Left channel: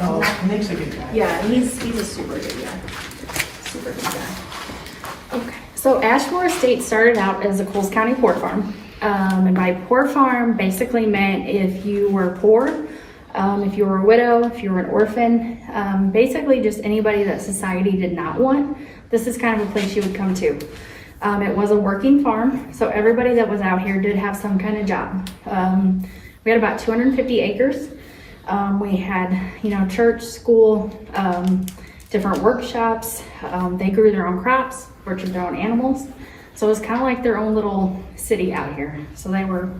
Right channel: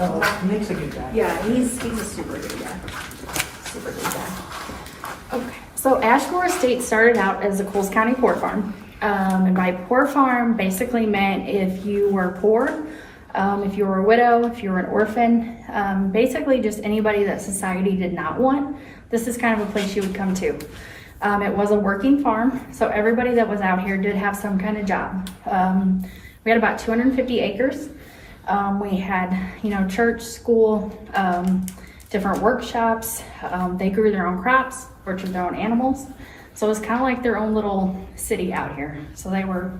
Oh, Nick's a good guy. Yeah, he's a super good guy. Super good guy. Okay. So Ashmore Estates started out as a Coles County poor farm. And by poor farm basically meant if you were poor, if you were a widow, if you were an orphan, basically just anybody that society did not want, this is kind of a place you would come to. It was a working farm, so everybody that was out here did have some kind of job. We had about 250 acres. We had, church, school, different workshops. They grew their own crops, butchered their own animals. So it was kind of like their own little city out here. So they were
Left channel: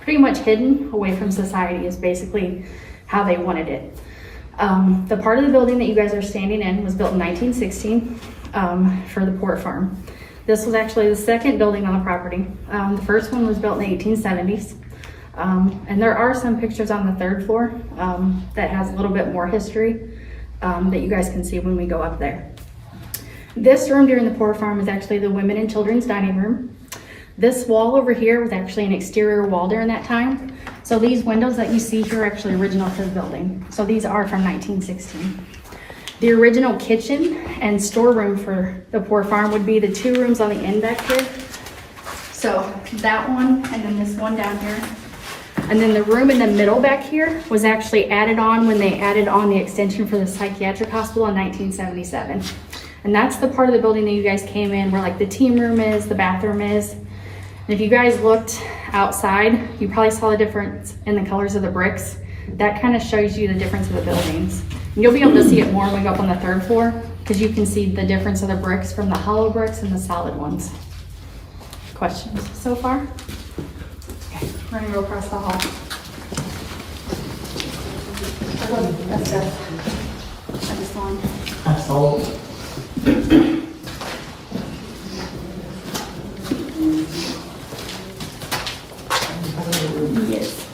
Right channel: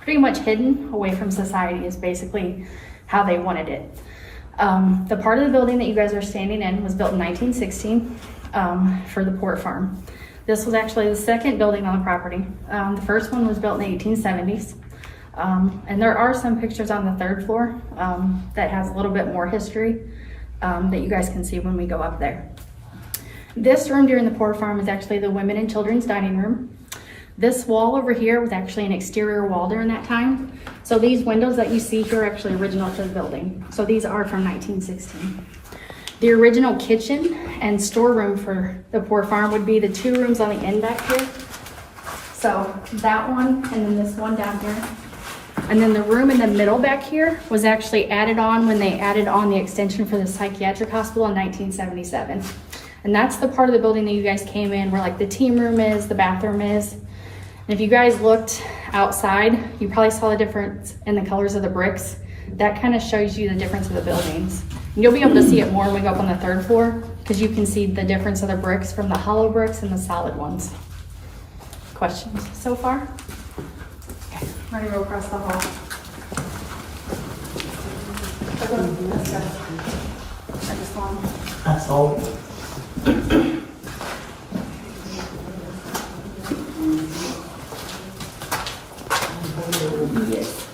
pretty much hidden away from society is basically how they wanted it. The part of the building that you guys are standing in was built in 1916 for the port farm. This was actually the second building on the property. The first one was built in the 1870s. And there are some pictures on the third floor that has a little bit more history that you guys can see when we go up there. This room during the port farm was actually the women and children's dining room. This wall over here was actually an exterior wall during that time. So these windows that you see here are actually original to the building. So these are from 1916. The original kitchen and storeroom for the poor farm would be the two rooms on the end back here. So that one and then this one down here. And then the room in the middle back here was actually added on when they added on the extension for the psychiatric hospital in 1977. And that's the part of the building that you guys came in where like the team room is, the bathroom is. And if you guys looked outside, you probably saw the difference in the colors of the bricks. That kind of shows you the difference of the buildings. And you'll be able to see it more when we go up on the third floor because you can see the difference of the bricks from the hollow bricks and the solid ones. Questions so far? Okay, we're gonna go across the hall. I just want. That's all. Yes.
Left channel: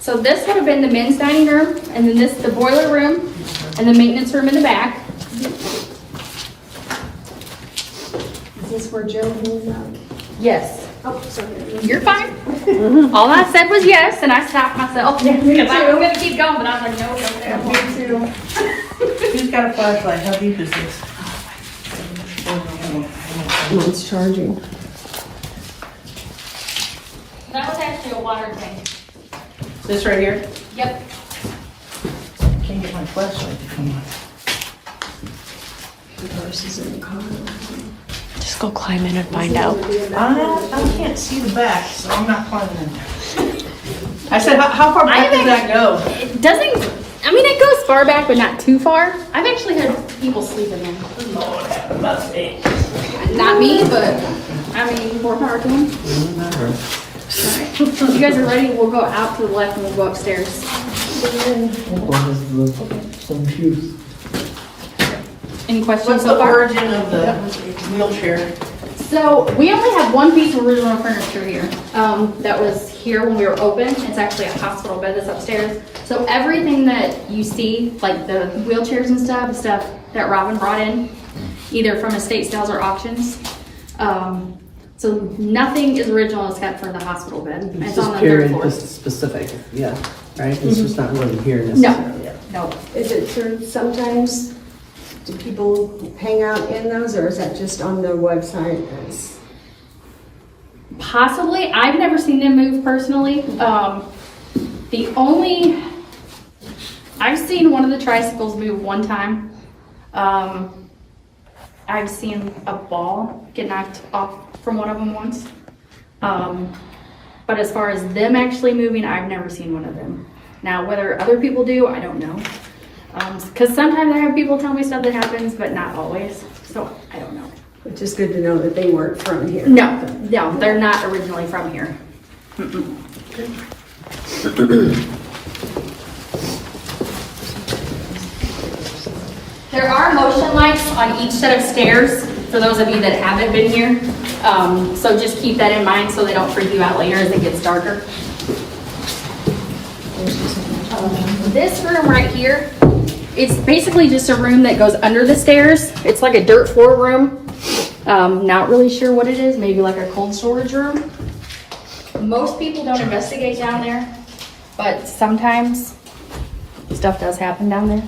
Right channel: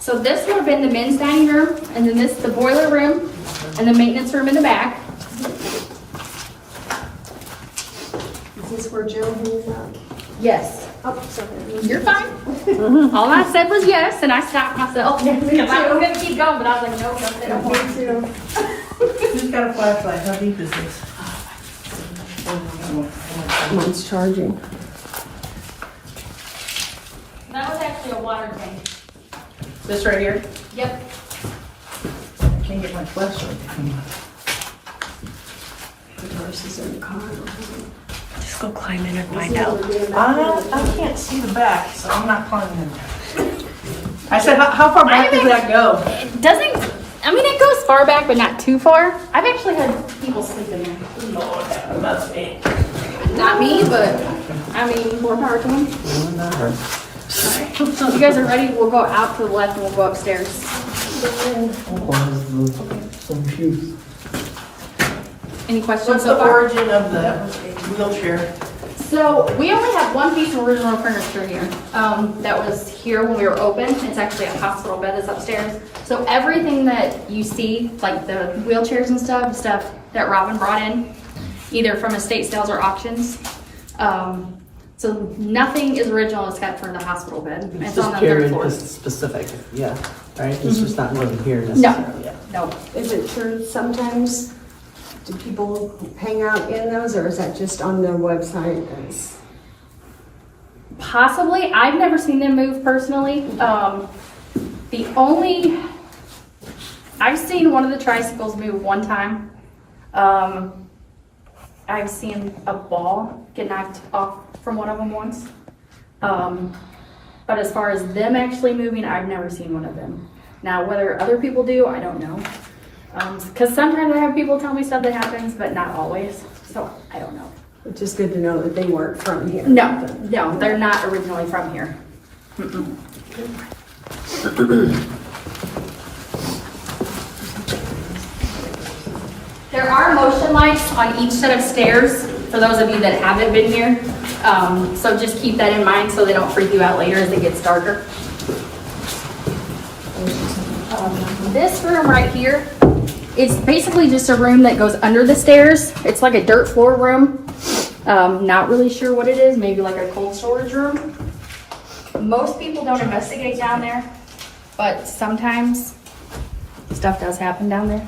So this would have been the men's dining room, and then this the boiler room, and the maintenance room in the back. Is this where Jill hung out? Yes. Oh, sorry. You're fine. All I said was yes, and I stopped myself. Yeah, me Because I was too. gonna keep going, but I was like, no. Me too. Who's got a flashlight? How deep is this? Mine's charging. That was actually a water tank. This right here? Yep. Can't get my flashlight to come on. The horse is in the car. Just go climb in and find out. I can't see the back, so I'm not climbing in there. I said, how far back does that go? It doesn't, it goes far back, but not too far. I've actually had people sleep in there. Lord, have mercy. Not me, but, more power to them. Alright, you guys are ready? We'll go out to the left and we'll go upstairs. So confused. Any questions What's so the far? origin of the wheelchair? So we only have one piece of original furniture here. That was here when we were open. It's actually a hospital bed that's upstairs. So everything that you see, like the wheelchairs and stuff that Robin brought in, either from estate sales or auctions. So nothing is original except for the hospital bed. It's on the third floor. Specific, yeah, right? It's just not more than here No, necessarily. no. Is it true sometimes, do people hang out in those, or is that just on their website as? Possibly. I've never seen them move personally. I've seen one of the tricycles move one time. I've seen a ball get knocked off from one of them once. But as far as them actually moving, I've never seen one of them. Now, whether other people do, I don't know. Because sometimes I have people tell me stuff that happens, but not always. So I don't know. Which is good to know that they weren't from here. No, they're not originally from here. Mm-mm. There are motion lights on each set of stairs for those of you that haven't been here. So just keep that in mind so they don't freak you out later as it gets darker. This room right here, it's basically just a room that goes under the stairs. It's like a dirt floor room. Not really sure what it is, maybe like a cold storage room. Most people don't investigate down there, but sometimes stuff does happen down there.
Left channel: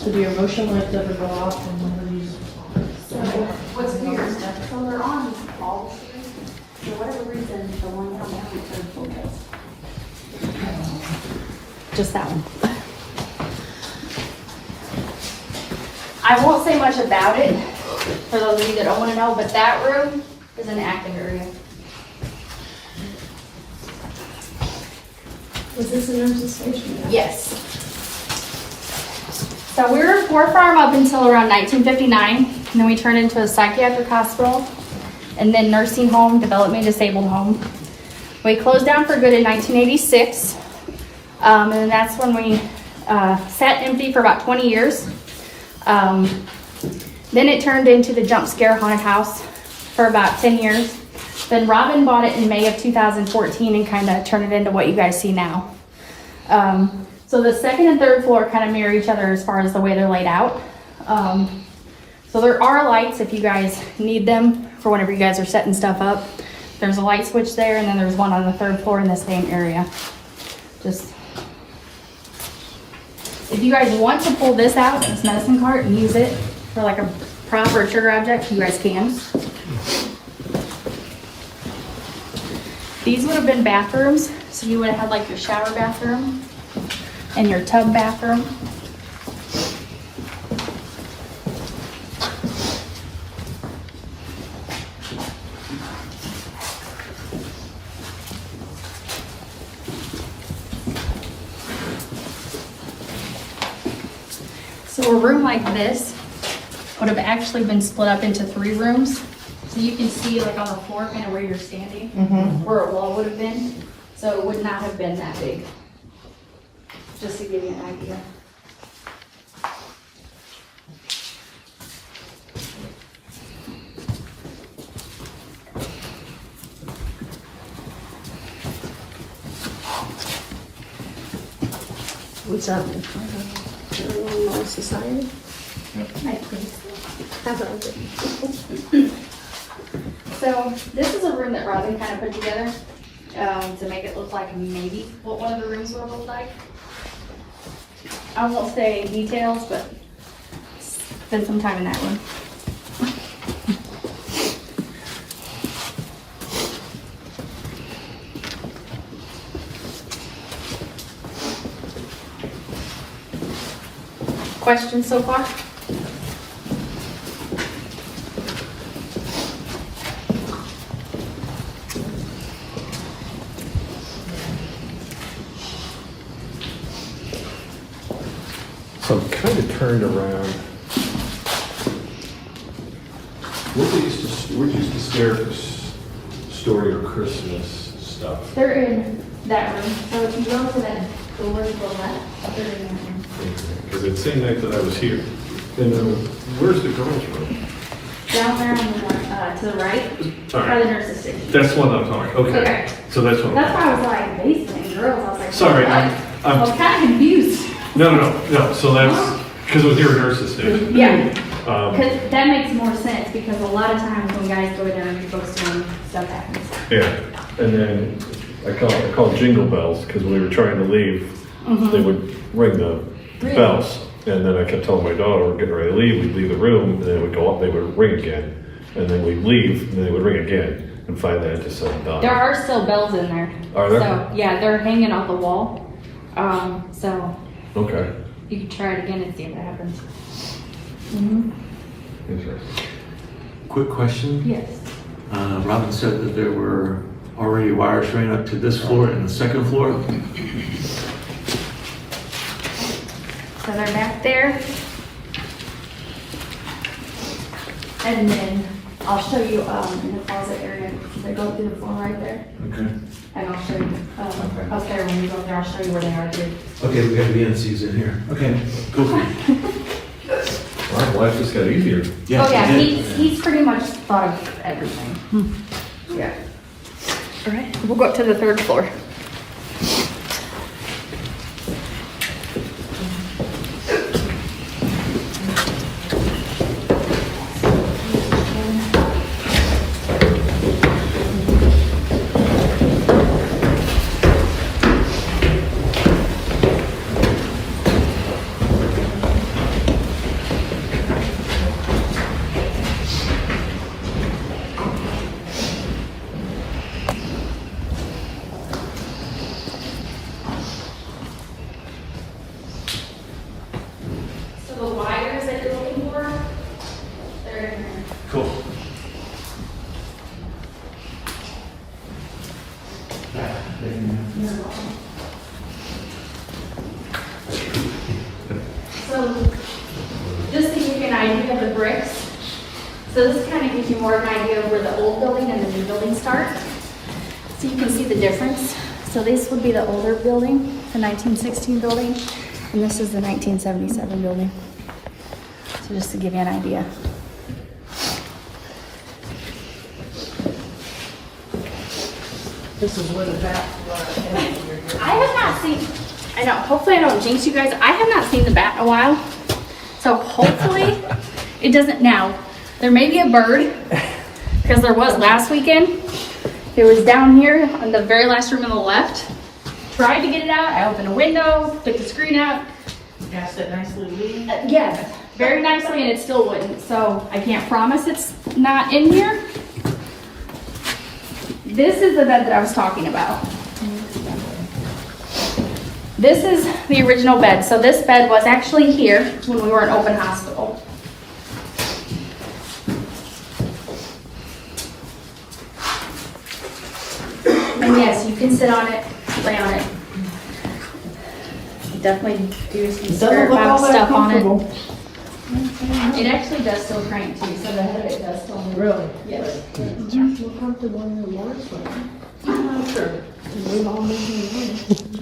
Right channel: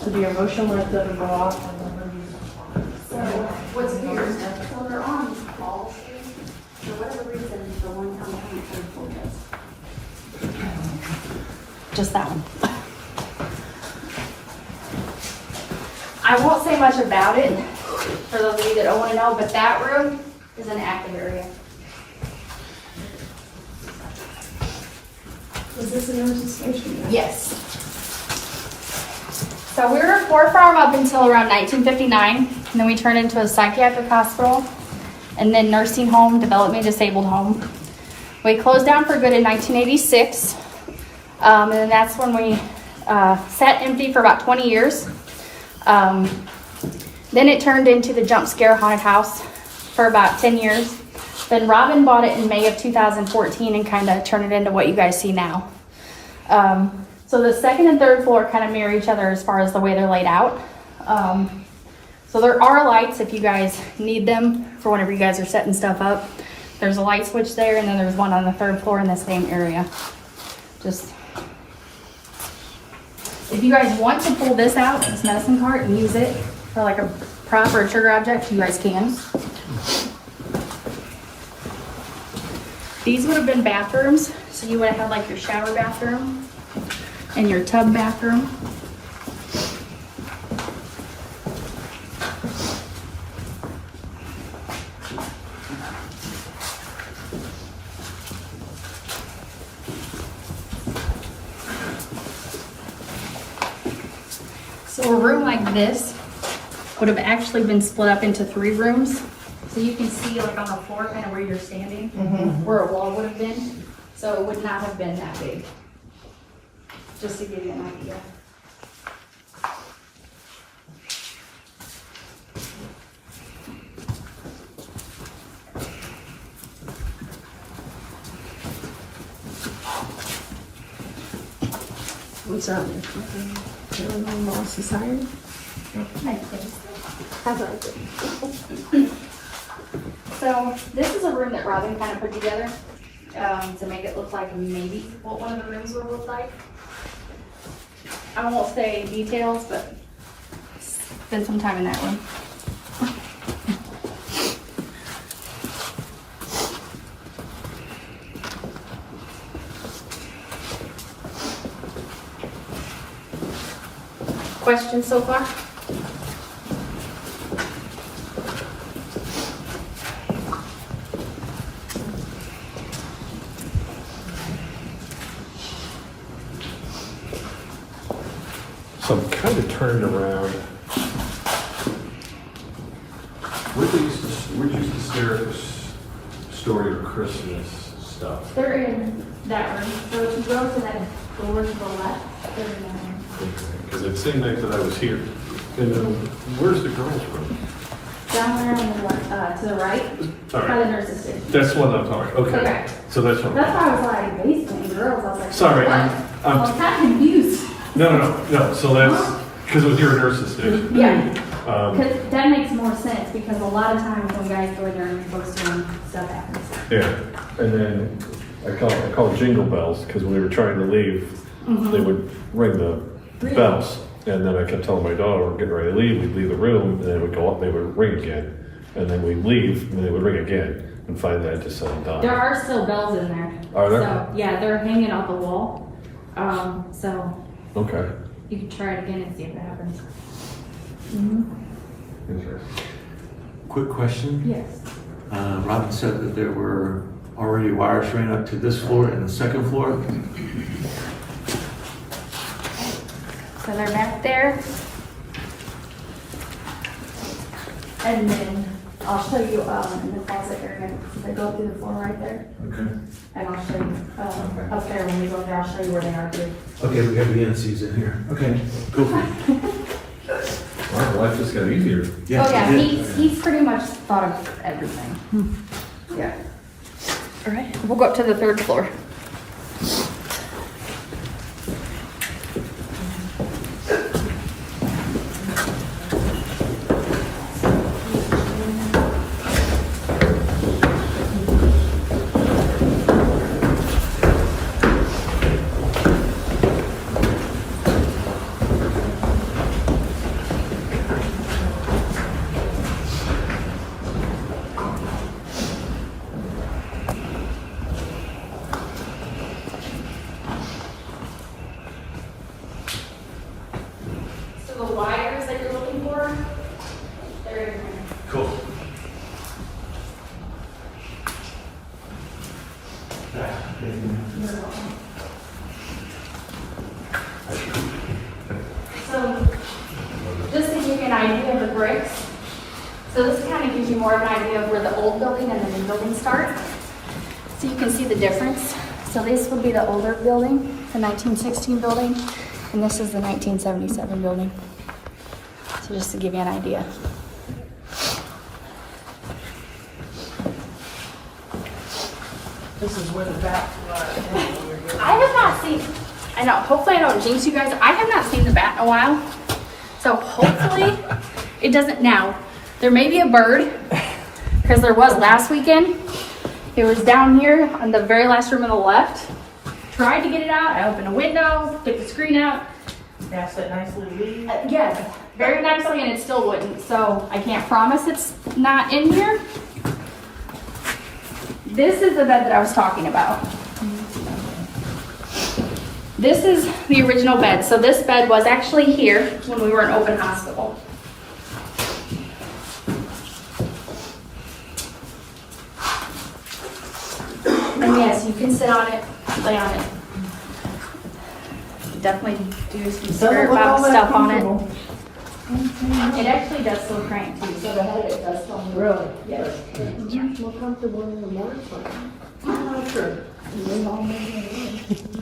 So do your motion light doesn't go off and whenever you. What's weird, so they're on walls. For whatever reason, the one come down and turn full base. Just that one. I won't say much about it, for those of you that don't want to know, but that room is an active area. Is this a nurse's station? Yes. So we were a poor farm up until around 1959, and then we turned into a psychiatric hospital, and then nursing home, developmentally disabled home. We closed down for good in 1986, and then that's when we sat empty for about 20 years. Then it turned into the jump scare haunted house for about 10 years. Then Robin bought it in May of 2014 and kind of turned it into what you guys see now. So the second and third floor kind of mirror each other as far as the way they're laid out. So there are lights if you guys need them for whenever you guys are setting stuff up. There's a light switch there, and then there's one on the third floor in the same area. Just, if you guys want to pull this out, this medicine cart, and use it for like a prop or a trigger object, you guys can. These would have been bathrooms, so you would have had like your shower bathroom and your tub bathroom. So a room like this would have actually been split up into 3 rooms. So you can see like on the floor kind of where you're standing, where a wall would have been. So it would not have been that big. Just to give you an idea. What's up? Paranormal Society? Nice place. How's that? So this is a room that Robin kind of put together to make it look like maybe what one of the rooms would look like. I won't say details, but spend some time in that room. Questions so far? So I'm kind of turned around. Where they used to stare at this story of Christmas stuff? They're in that room. So if you go to that door to the left, they're in that room. Because it seemed like that I was here. And then, where's the girls' room? Down there on the left, to the right, All by right. the nurse's station. That's what I'm talking. Okay. Okay. So that's what. That's why I was like, basement, girls, I was like. Sorry, what? I'm- I was kind of confused. No. So that's because it was near a nurse's station. Yeah, Um, because that makes more sense, because a lot of times when guys go there and you're supposed to, stuff happens. yeah. And then I call it jingle bells because when we were trying to leave, they would ring the Really? bells. And then I kept telling my daughter, we're getting ready to leave. We'd leave the room, and then we'd go up, they would ring again. And then we'd leave, and then they would ring again. And finally, I just said, done. There are still bells in there. Are there? So, yeah, they're hanging off the wall. So Okay. you can try it again and see what happens. Interesting. Quick question. Yes. Robin said that there were already wires running up to this floor and the second floor. So they're back there. And then I'll show you in the closet area. They go through the floor right there. Okay. And I'll show you up there when we go there. I'll show you where they are too. Okay, we got the NCs in here. Okay, cool. Wow, life just got easier. Oh yeah, he's pretty much thought of everything. Yeah. All right, we'll go up to the 3rd floor. So the wires that you're looking for, they're in here. Cool. So just to give you an idea of the bricks, so this kind of gives you more of an idea of where the old building and the new building start. So you can see the difference. So this would be the older building, the 1916 building, and this is the 1977 building. So just to give you an idea. This is where the back. I have not seen, I know, hopefully I don't jinx you guys. I have not seen the bat in a while. So hopefully it doesn't now. There may be a bird, because there was last weekend. It was down here in the very last room on the left. Tried to get it out. I opened a window, took the screen out. That's that nice little lead. Yes, very nicely, and it still wouldn't. So I can't promise it's not in here. This is the bed that I was talking about. This is the original bed. So this bed was actually here when we were an open hospital. And yes, you can sit on it, lay on it. Definitely do some spirit box stuff on it. It actually does still crank too, so the head of it does still move. Really? Yes. More comfortable in the worst way. I'm not sure. And they've all made it.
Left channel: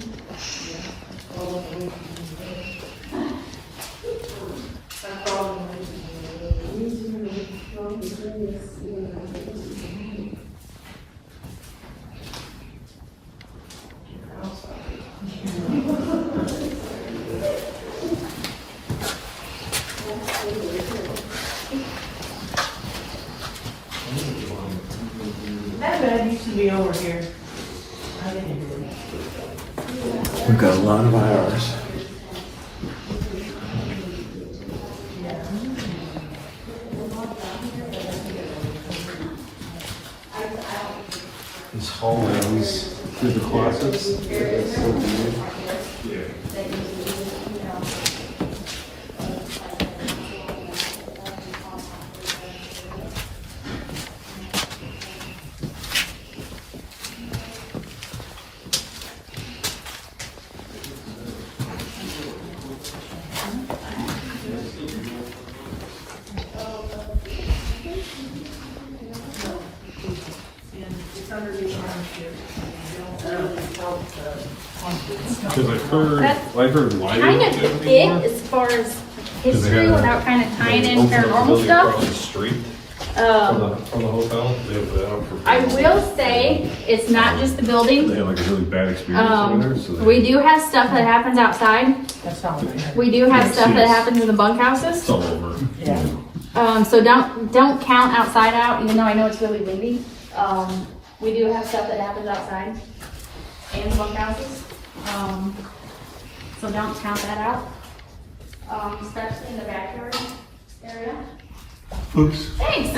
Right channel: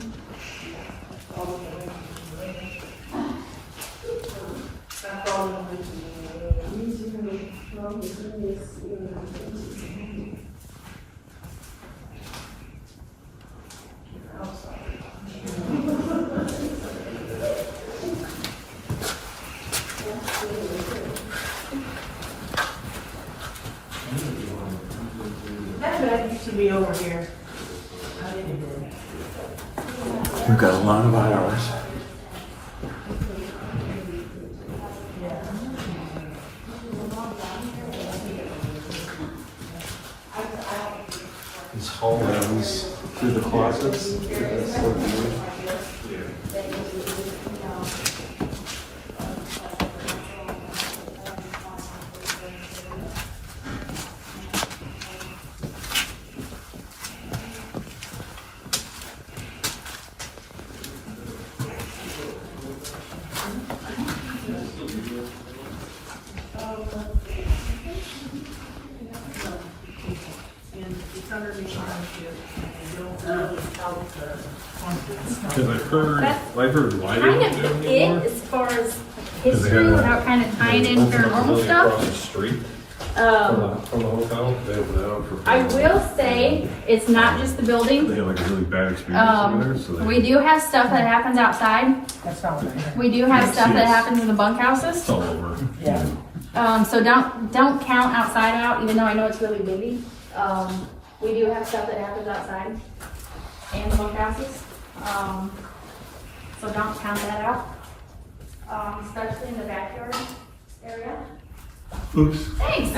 That bed used to be over here. I didn't hear that. We've got a lot of hours. These hallways through the closets. That's so weird. Because I've heard why they Kind don't of do it it anymore. as far as 'Cause they history got without kind of tying in open paranormal building across the stuff. street Um, from the hotel. They have that out for. I will say it's not just the building. They had like a really bad experience over there, so they. We do have stuff that happens outside. That's all. We do have stuff that Yes. happens in the bunkhouses. It's all over. Yeah. So don't count outside out, even though I know it's really windy. We do have stuff that happens outside and the bunkhouses. So don't count that out. Especially in the backyard area. Oops. Thanks.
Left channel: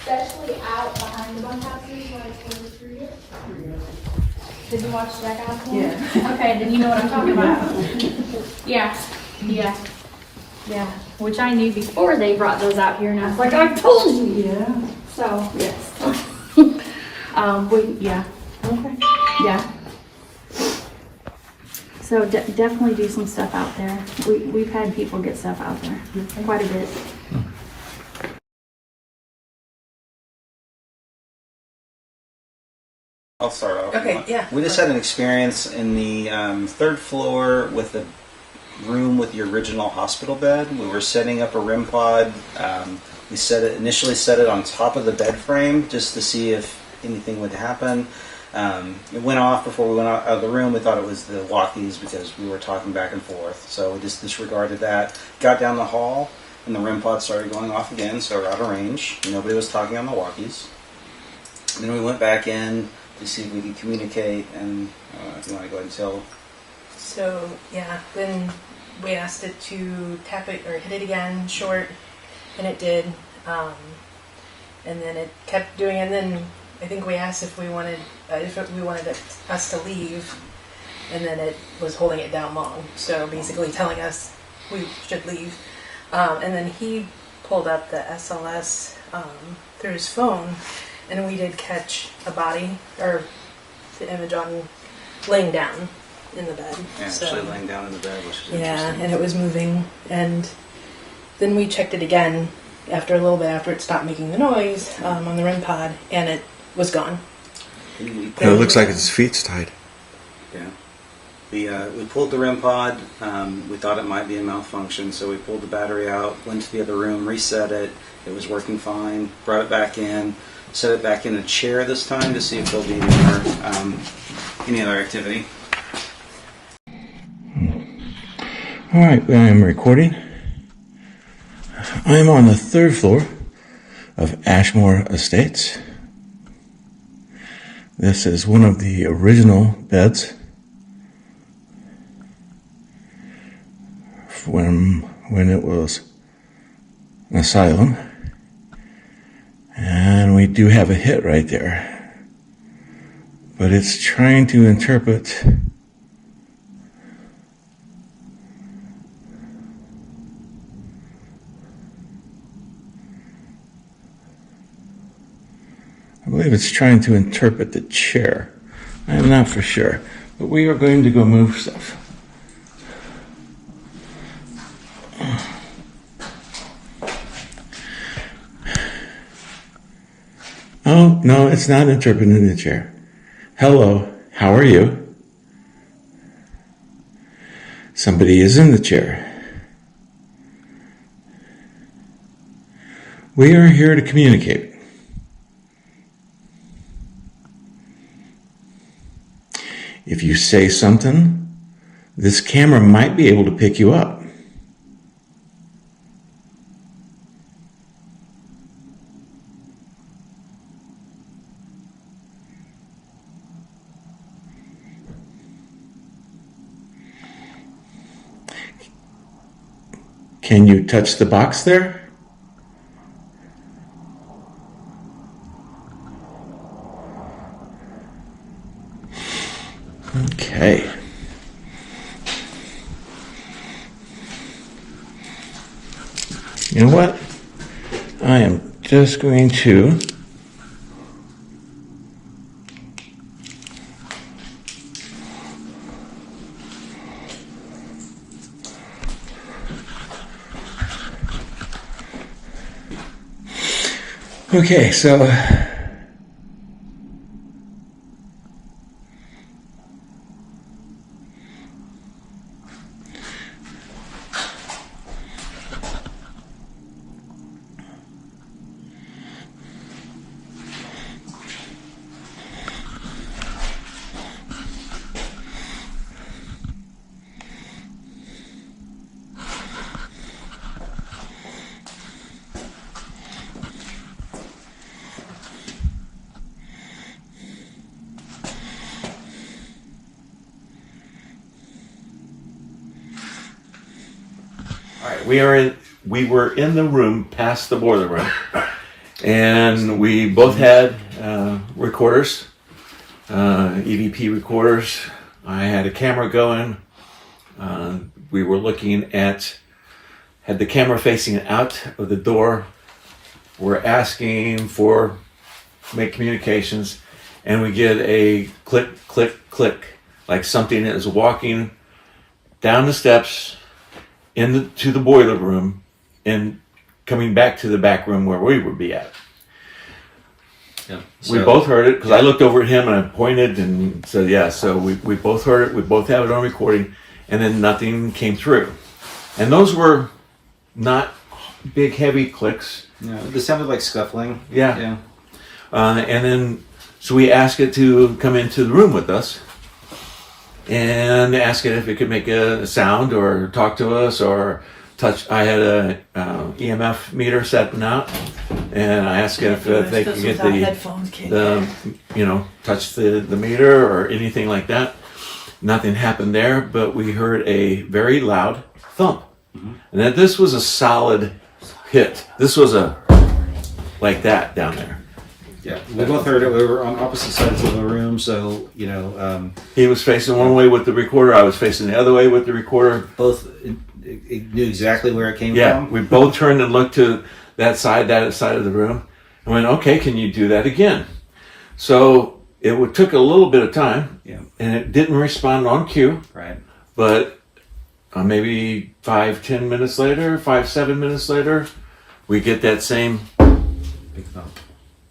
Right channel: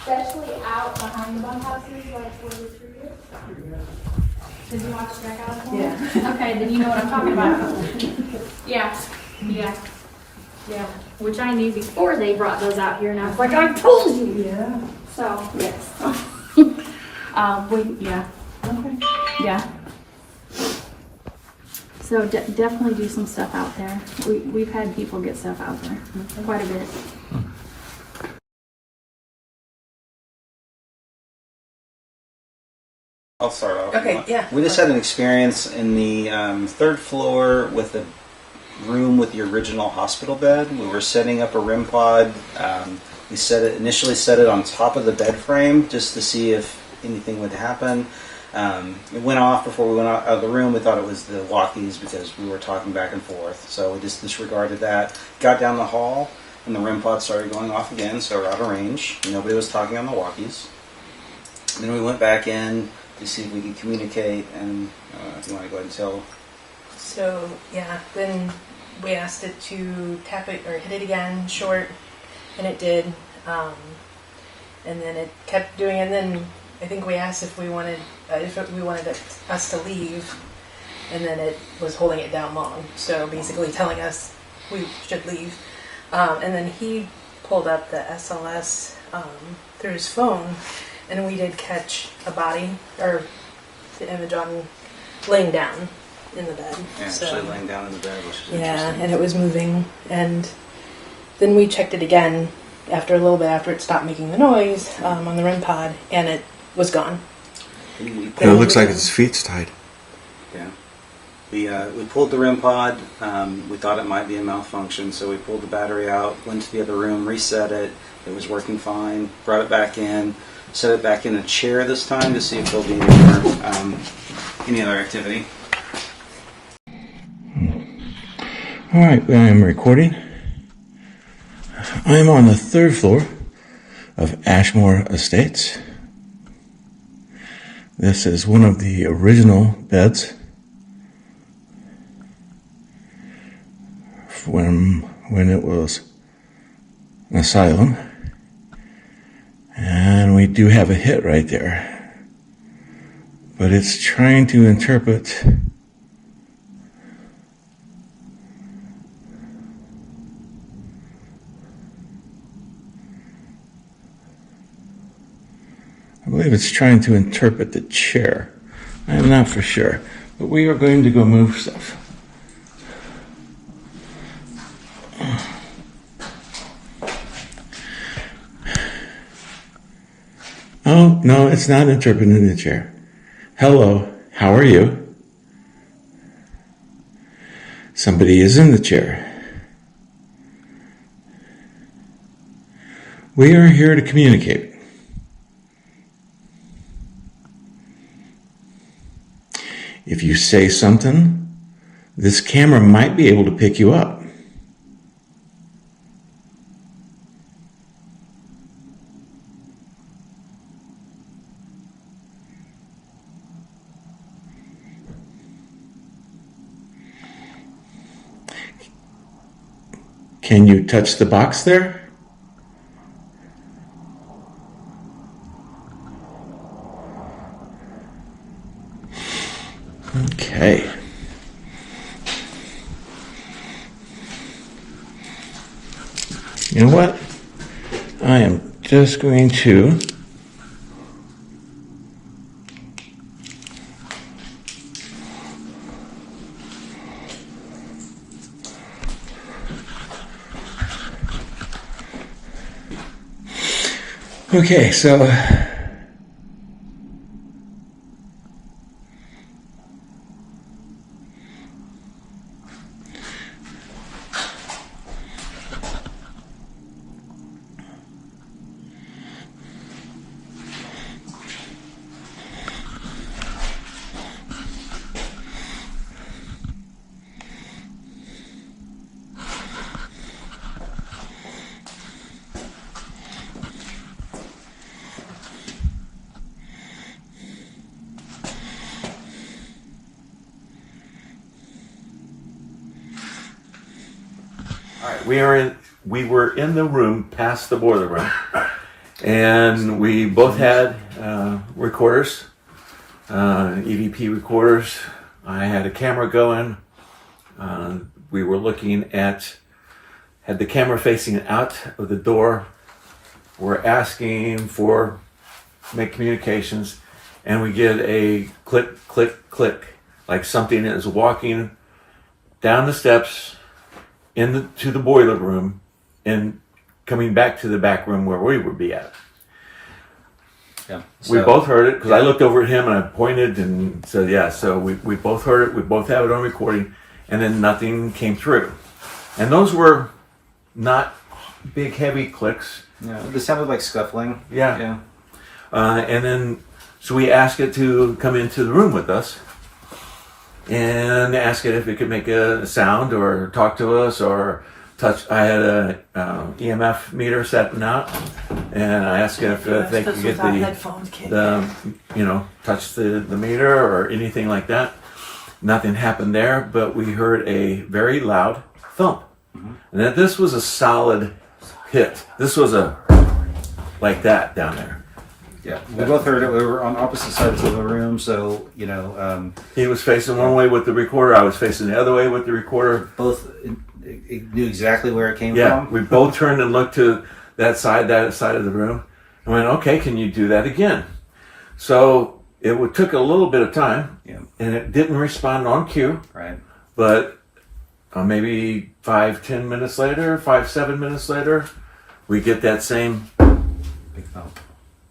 Especially out behind the bunkhouses, like where the tree is. Did you watch Jack Allen? Yeah. Okay, then you know what I'm talking about. Yeah, yeah, yeah. Which I knew before they brought those out here, and I was like, I told you. Yeah. So yes. Yeah. Okay. Yeah. So definitely do some stuff out there. We've had people get stuff out there, quite a bit. I'll start off. Okay, yeah. We just had an experience in the 3rd floor with room with the original hospital bed. We were setting up a REM pod. We initially set it on top of the bed frame just to see if anything would happen. It went off before we went out of the room. We thought it was the walkies because we were talking back and forth. So we just disregarded that. Got down the hall and the REM pod started going off again, so we're out of range. Nobody was talking on the walkies. Then we went back in to see if we could communicate, and if you want to go ahead and tell. So, yeah, then we asked it to tap it or hit it again short, and it did. And then it kept doing it, and then I think we asked if we wanted us to leave, and then it was holding it down long. So basically telling us we should leave. And then he pulled up the SLS through his phone, and we did catch a body, or the image on laying down in the bed. Actually laying down in the bed, which is yeah, interesting. and it was moving. And then we checked it again after a little bit after it stopped making the noise on the REM pod, and it was gone. It looks like its feet's tied. Yeah. We pulled the REM pod. We thought it might be a malfunction, so we pulled the battery out, went to the other room, reset it. It was working fine. Brought it back in, set it back in a chair this time to see if there'll be any other activity. All right, I am recording. I am on the 3rd floor of Ashmore Estates. This is one of the original beds when it was an asylum. And we do have a hit right there. But it's trying to interpret I believe it's trying to interpret the chair. I am not for sure. But we are going to go move stuff. Oh, no, it's not interpreting the chair. Hello, how are you? Somebody is in the chair. We are here to communicate. If you say something, this camera might be able to pick you up. Can you touch the box there? Okay. You know what? I am just going to okay, so we were in the room past the boiler room, and we both had recorders, EVP recorders. I had a camera going. We were looking at, had the camera facing out of the door. We're asking for make communications, and we get a click, click, click, like something is walking down the steps into the boiler room and coming back to the back room where we would be at. Yeah. We both heard it because I looked over at him and I pointed and said, yeah, so we both heard it. We both have it on recording. and then nothing came through. And those were not big, heavy clicks. Yeah, it sounded like scuffling. Yeah. And then, so we asked it to come into the room with us and ask it if it could make a sound or talk to us or touch. I had a EMF meter set out, and I asked it if they could get touch the meter or anything like that. Nothing happened there, but we heard a very loud thump. And that this was a solid hit. This was like that down there. Yeah, we both heard it. We were on opposite sides of the room, so he was facing one way with the recorder. I was facing the other way with the recorder. both knew exactly where it came Yeah, from. we both turned and looked to that side of the room, and went, "Okay, can you do that again?" So took a little bit of time, and it didn't respond on cue. Right. But maybe 5-7 minutes later, we get that same Big thump.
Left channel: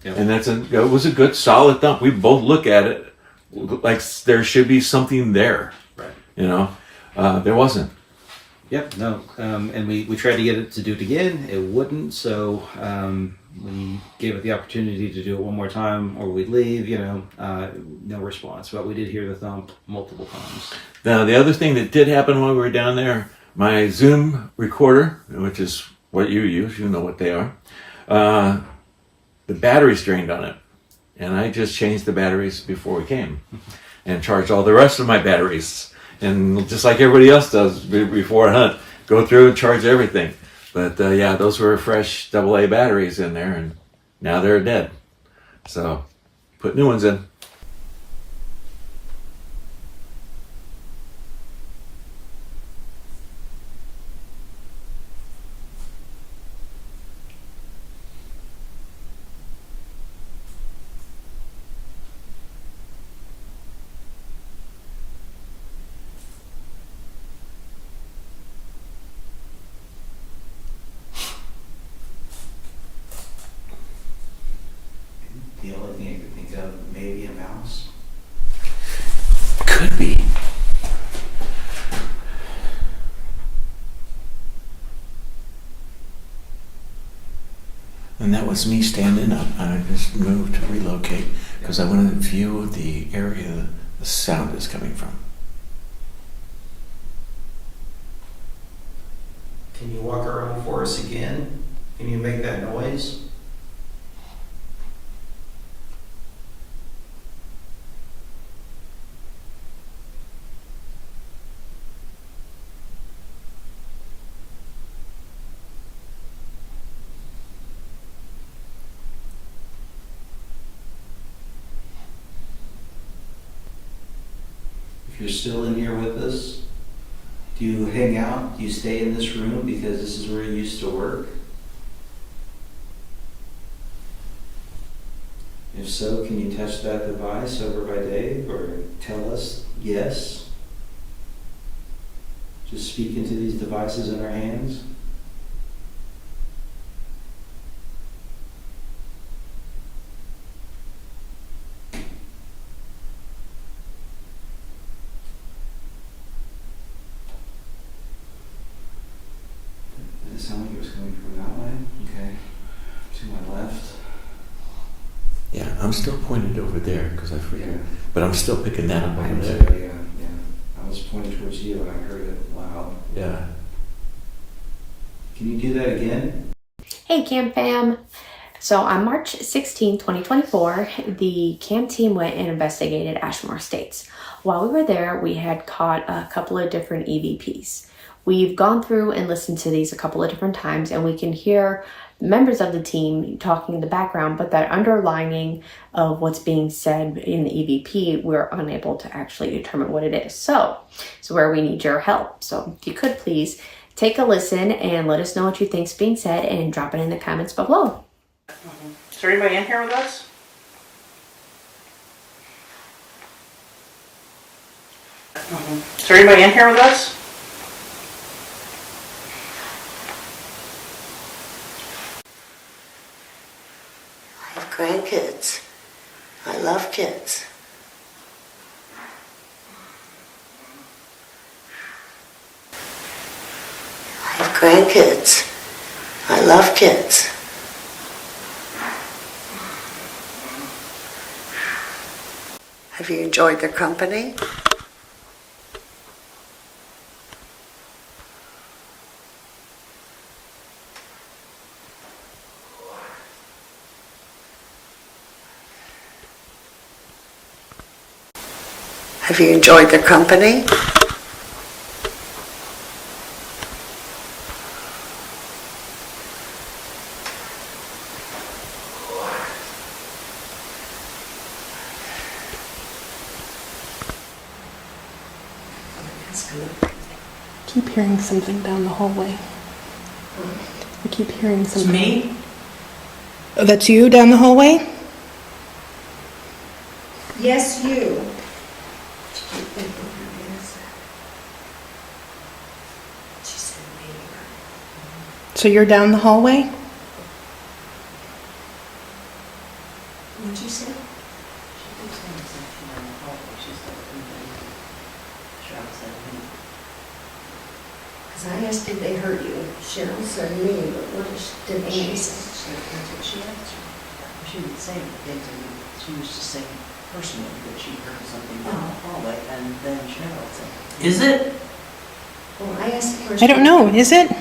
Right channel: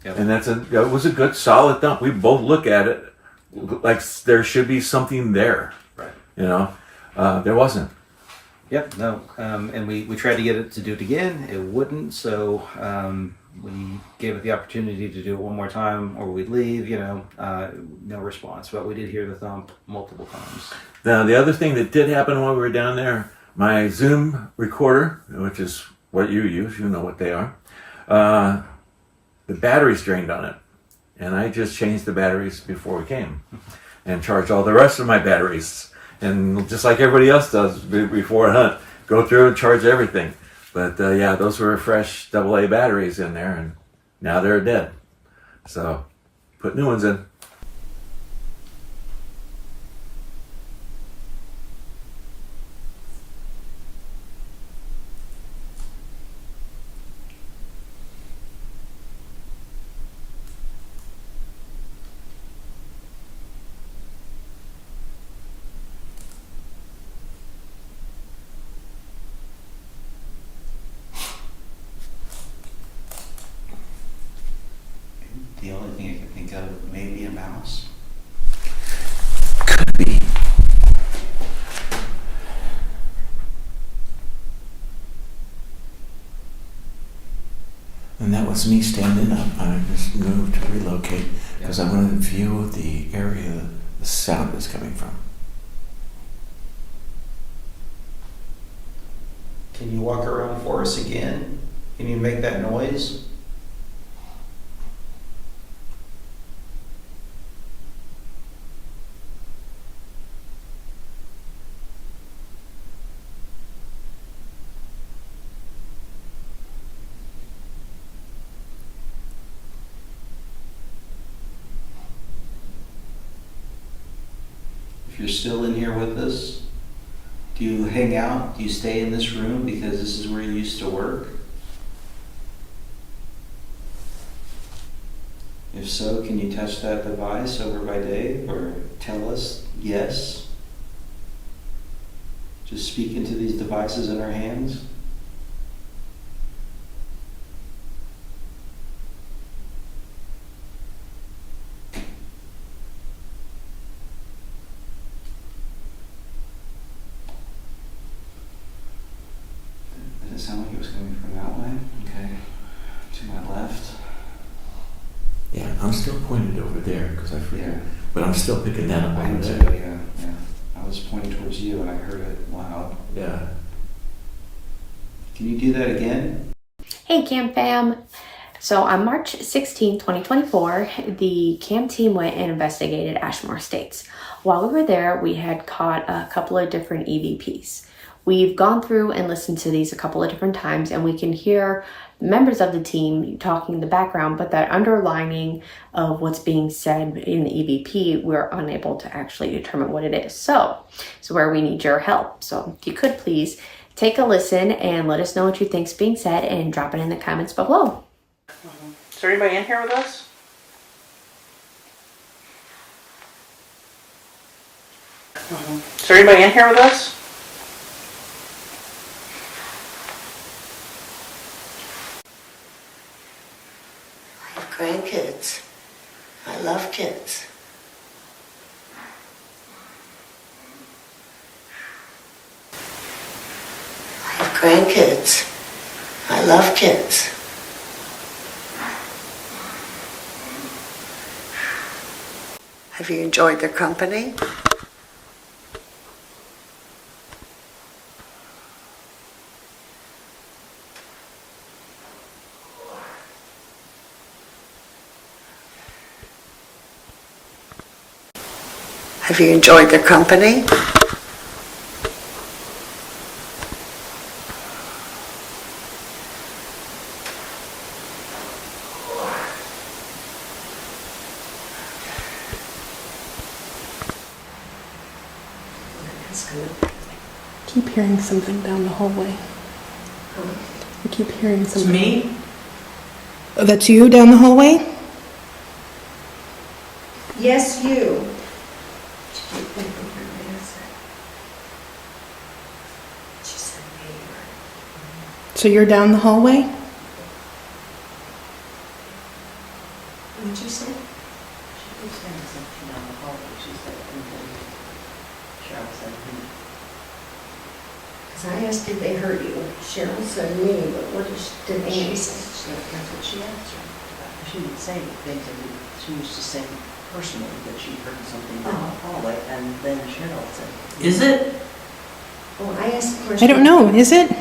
and it was a good solid thump. We both look at it like there should be something there. Right. There wasn't. Yep. No. And we tried to get it to do it again. It wouldn't. So we gave it the opportunity to do it one more time, or we'd leave. No response. But we did hear the thump multiple times. Now, the other thing that did happen while we were down there, my Zoom recorder, which is what you use, you know what they are, the batteries drained on it. And I just changed the batteries before we came and charged all the rest of my batteries. And just like everybody else does before a hunt, go through and charge everything. But those were fresh AA batteries in there, and now they're dead. So put new ones in. The only thing I could think of, maybe a mouse. Could be. And that was me standing up. I just moved to relocate because I wanted to view the area the sound is coming from. Can you walk around for us again? Can you make that noise? If you're still in here with us, do you hang out? Do you stay in this room because this is where you used to work? If so, can you touch that device over by Dave or tell us yes? Just speak into these devices in our hands. Did it sound like it was coming from that way? Okay. To my left. Yeah, I'm still pointed over there because I forget. Yeah. But I'm still picking that up I over am there. too, yeah. I was pointing towards you and I heard it loud. Yeah. Can you do that again? Hey KAM fam! So on March 16, 2024, the KAM team went and investigated Ashmore Estates. While we were there, we had caught a couple of different EVPs. We've gone through and listened to these a couple of different times, and we can hear members of the team talking in the background, but that underlining of what's being said in the EVP, we're unable to actually determine what it is. So where we need your help. So if you could please take a listen and let us know what you think's being said and drop it in the comments below. Is there anybody in here with us? Is there anybody in here with us? I have grandkids. I love kids. grandkids. I love kids. Have you enjoyed their company? Have you enjoyed their company? Keep hearing something down the hallway. I keep hearing It's something. me? Oh, that's you down the hallway? Yes, you. She said me, right? So you're down the hallway? What'd you say? She keeps saying something down the hallway, she said, and then Cheryl said me. Because I asked, did they hurt you? Cheryl said me, but did Annie say? That's what she answered. She didn't say anything to me. She was just saying personally that she heard something down the hallway, and then Cheryl said. Is it? Oh, I asked the first. I don't know. Is it?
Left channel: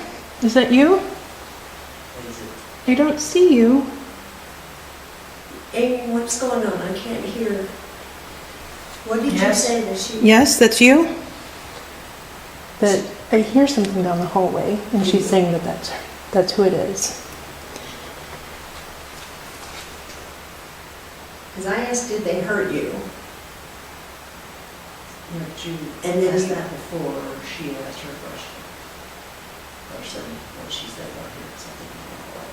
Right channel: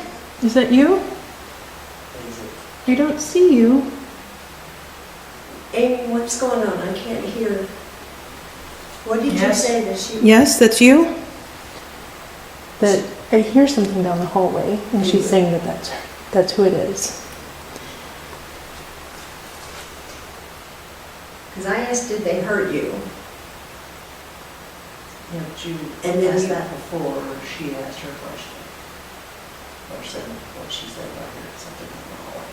Is that you? What is it? I don't see you. Amy, what's going on? I can't hear. What did you Yes. say that she? Yes, that's you? That I hear something down the hallway, and she's saying that that's who it is. Because I asked, did they hurt you? Yeah, but you And then asked you- that before she asked her question. Or said what she said about hearing something down the hallway.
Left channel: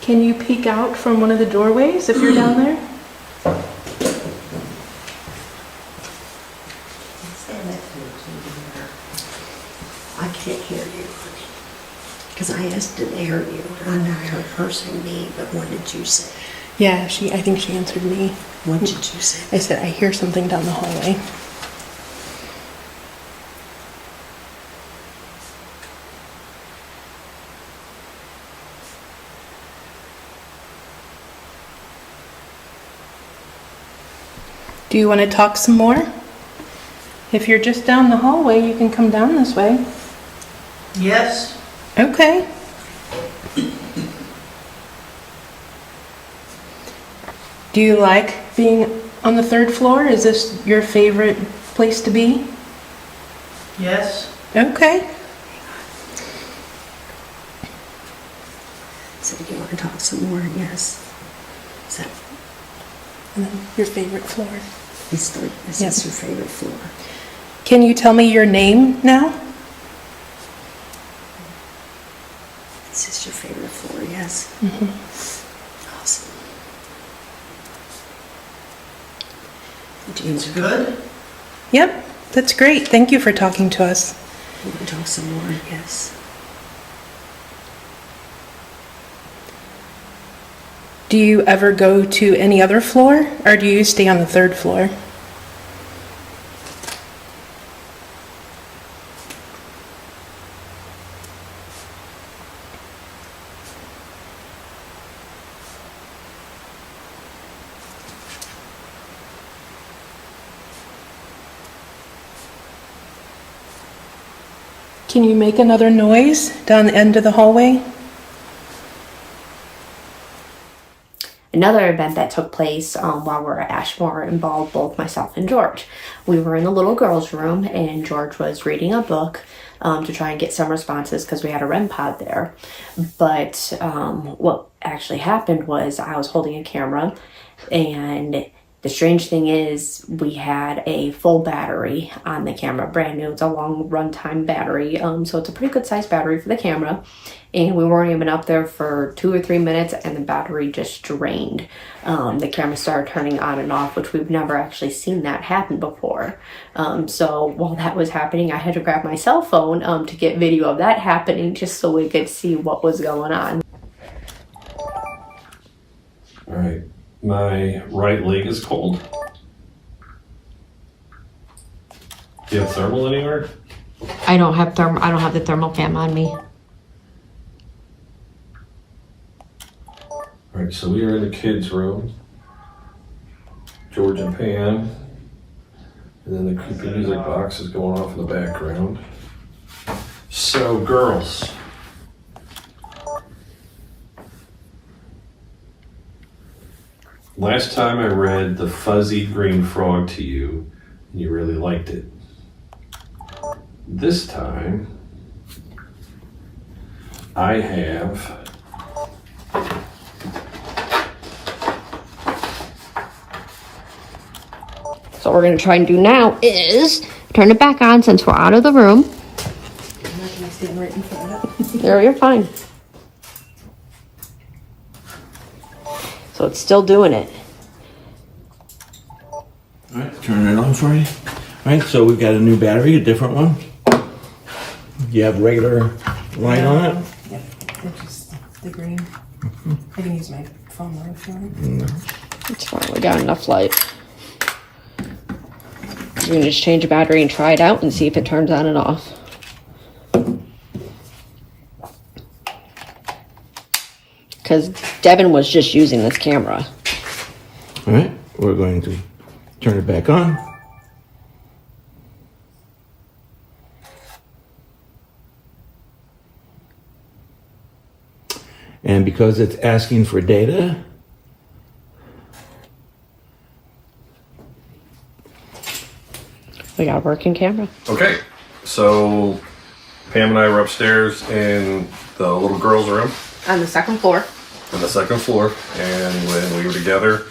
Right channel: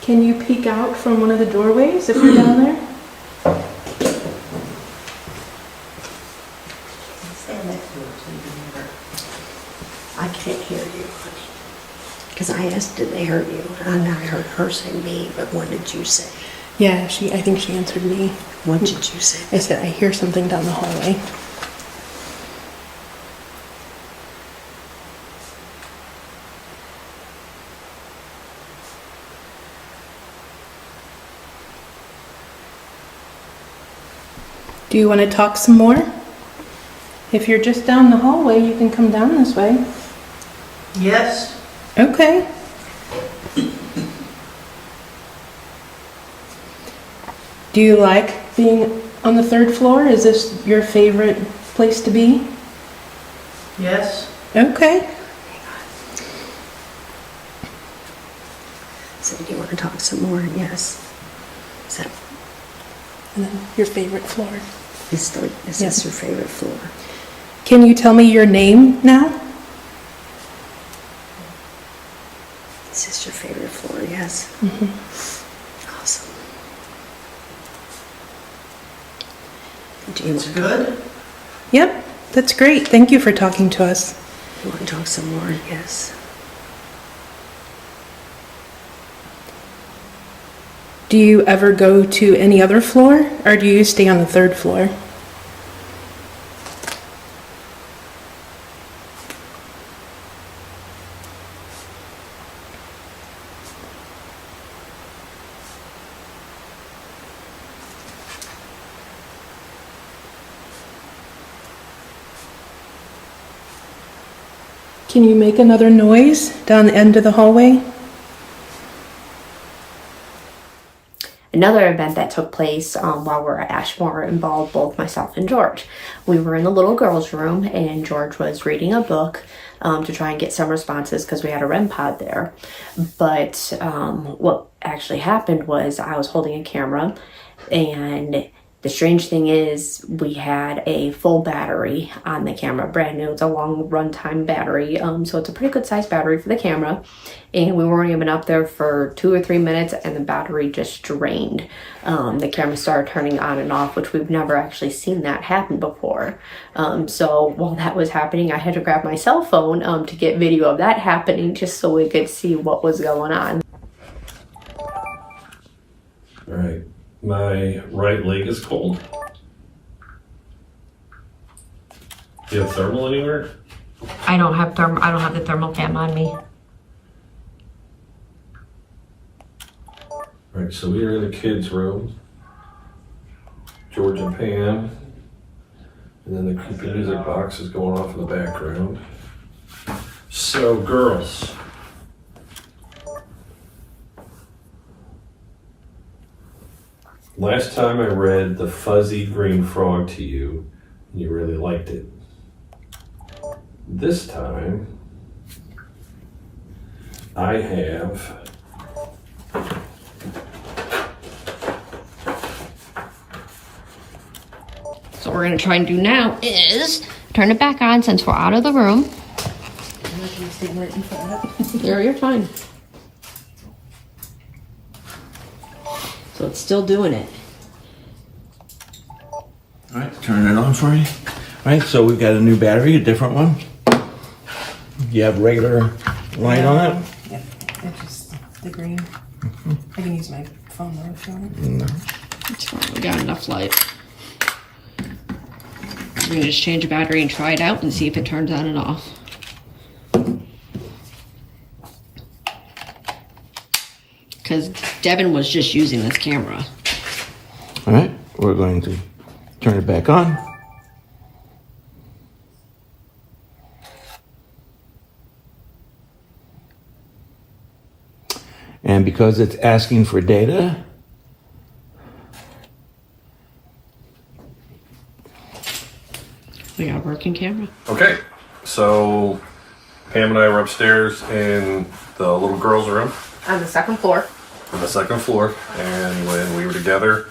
Can you peek out from one of the doorways if you're down there? Stand next to her so you can hear her. I can't hear you, honey. Because I asked, did they hurt you? And I heard her say me, but what did you say? Yeah, I think she answered me. What did you say? I said, I hear something down the hallway. Do you want to talk some more? If you're just down the hallway, you can come down this way. Yes. Okay. Do you like being on the third floor? Is this your favorite place to be? Yes. Okay. So do you want to talk some more? Yes. Is that, And then your favorite floor. is this Yes. your favorite floor? Can you tell me your name now? Is this your favorite floor? Yes. Mm-hmm. Awesome. Do you, It's good. Yep, that's great. Thank you for talking to us. you want to talk some more? Yes. Do you ever go to any other floor, or do you stay on the third floor? Can you make another noise down the end of the hallway? Another event that took place while we were at Ashmore involved both myself and George. We were in the little girls' room, and George was reading a book to try and get some responses because we had a REM pod there. But what actually happened was I was holding a camera, and the strange thing is we had a full battery on the camera, brand new. It's a long runtime battery, so it's a pretty good sized battery for the camera. And we weren't even up there for 2 or 3 minutes, and the battery just drained. The camera started turning on and off, which we've never actually seen that happen before. So while that was happening, I had to grab my cell phone to get video of that happening, just so we could see what was going on. All right, my right leg is cold. Do you have thermal anywhere? I don't have the thermal cam on me. right, so we are in the kids' room. George and Pam. And then the creepy music box is going off in the background. So, girls. Last time I read The Fuzzy Green Frog to you, and you really liked it. This time, I have So what we're going to try and do now is turn it back on since we're out of the room. You're fine. So it's still doing it. All right, turn it on for you. All right, so we've got a new battery, a different one. You have regular light on it? Yeah, it's just the green. I can use my phone though if you want it. No. It's fine, we got enough light. So we can just change the battery and try it out and see if it turns on and off. Because Devin was just using this camera. All right, we're going to turn it back on. And because it's asking for data, we got a working camera. Okay, so Pam and I were upstairs in the little girls' room On the second floor. on the second floor, and when we were together,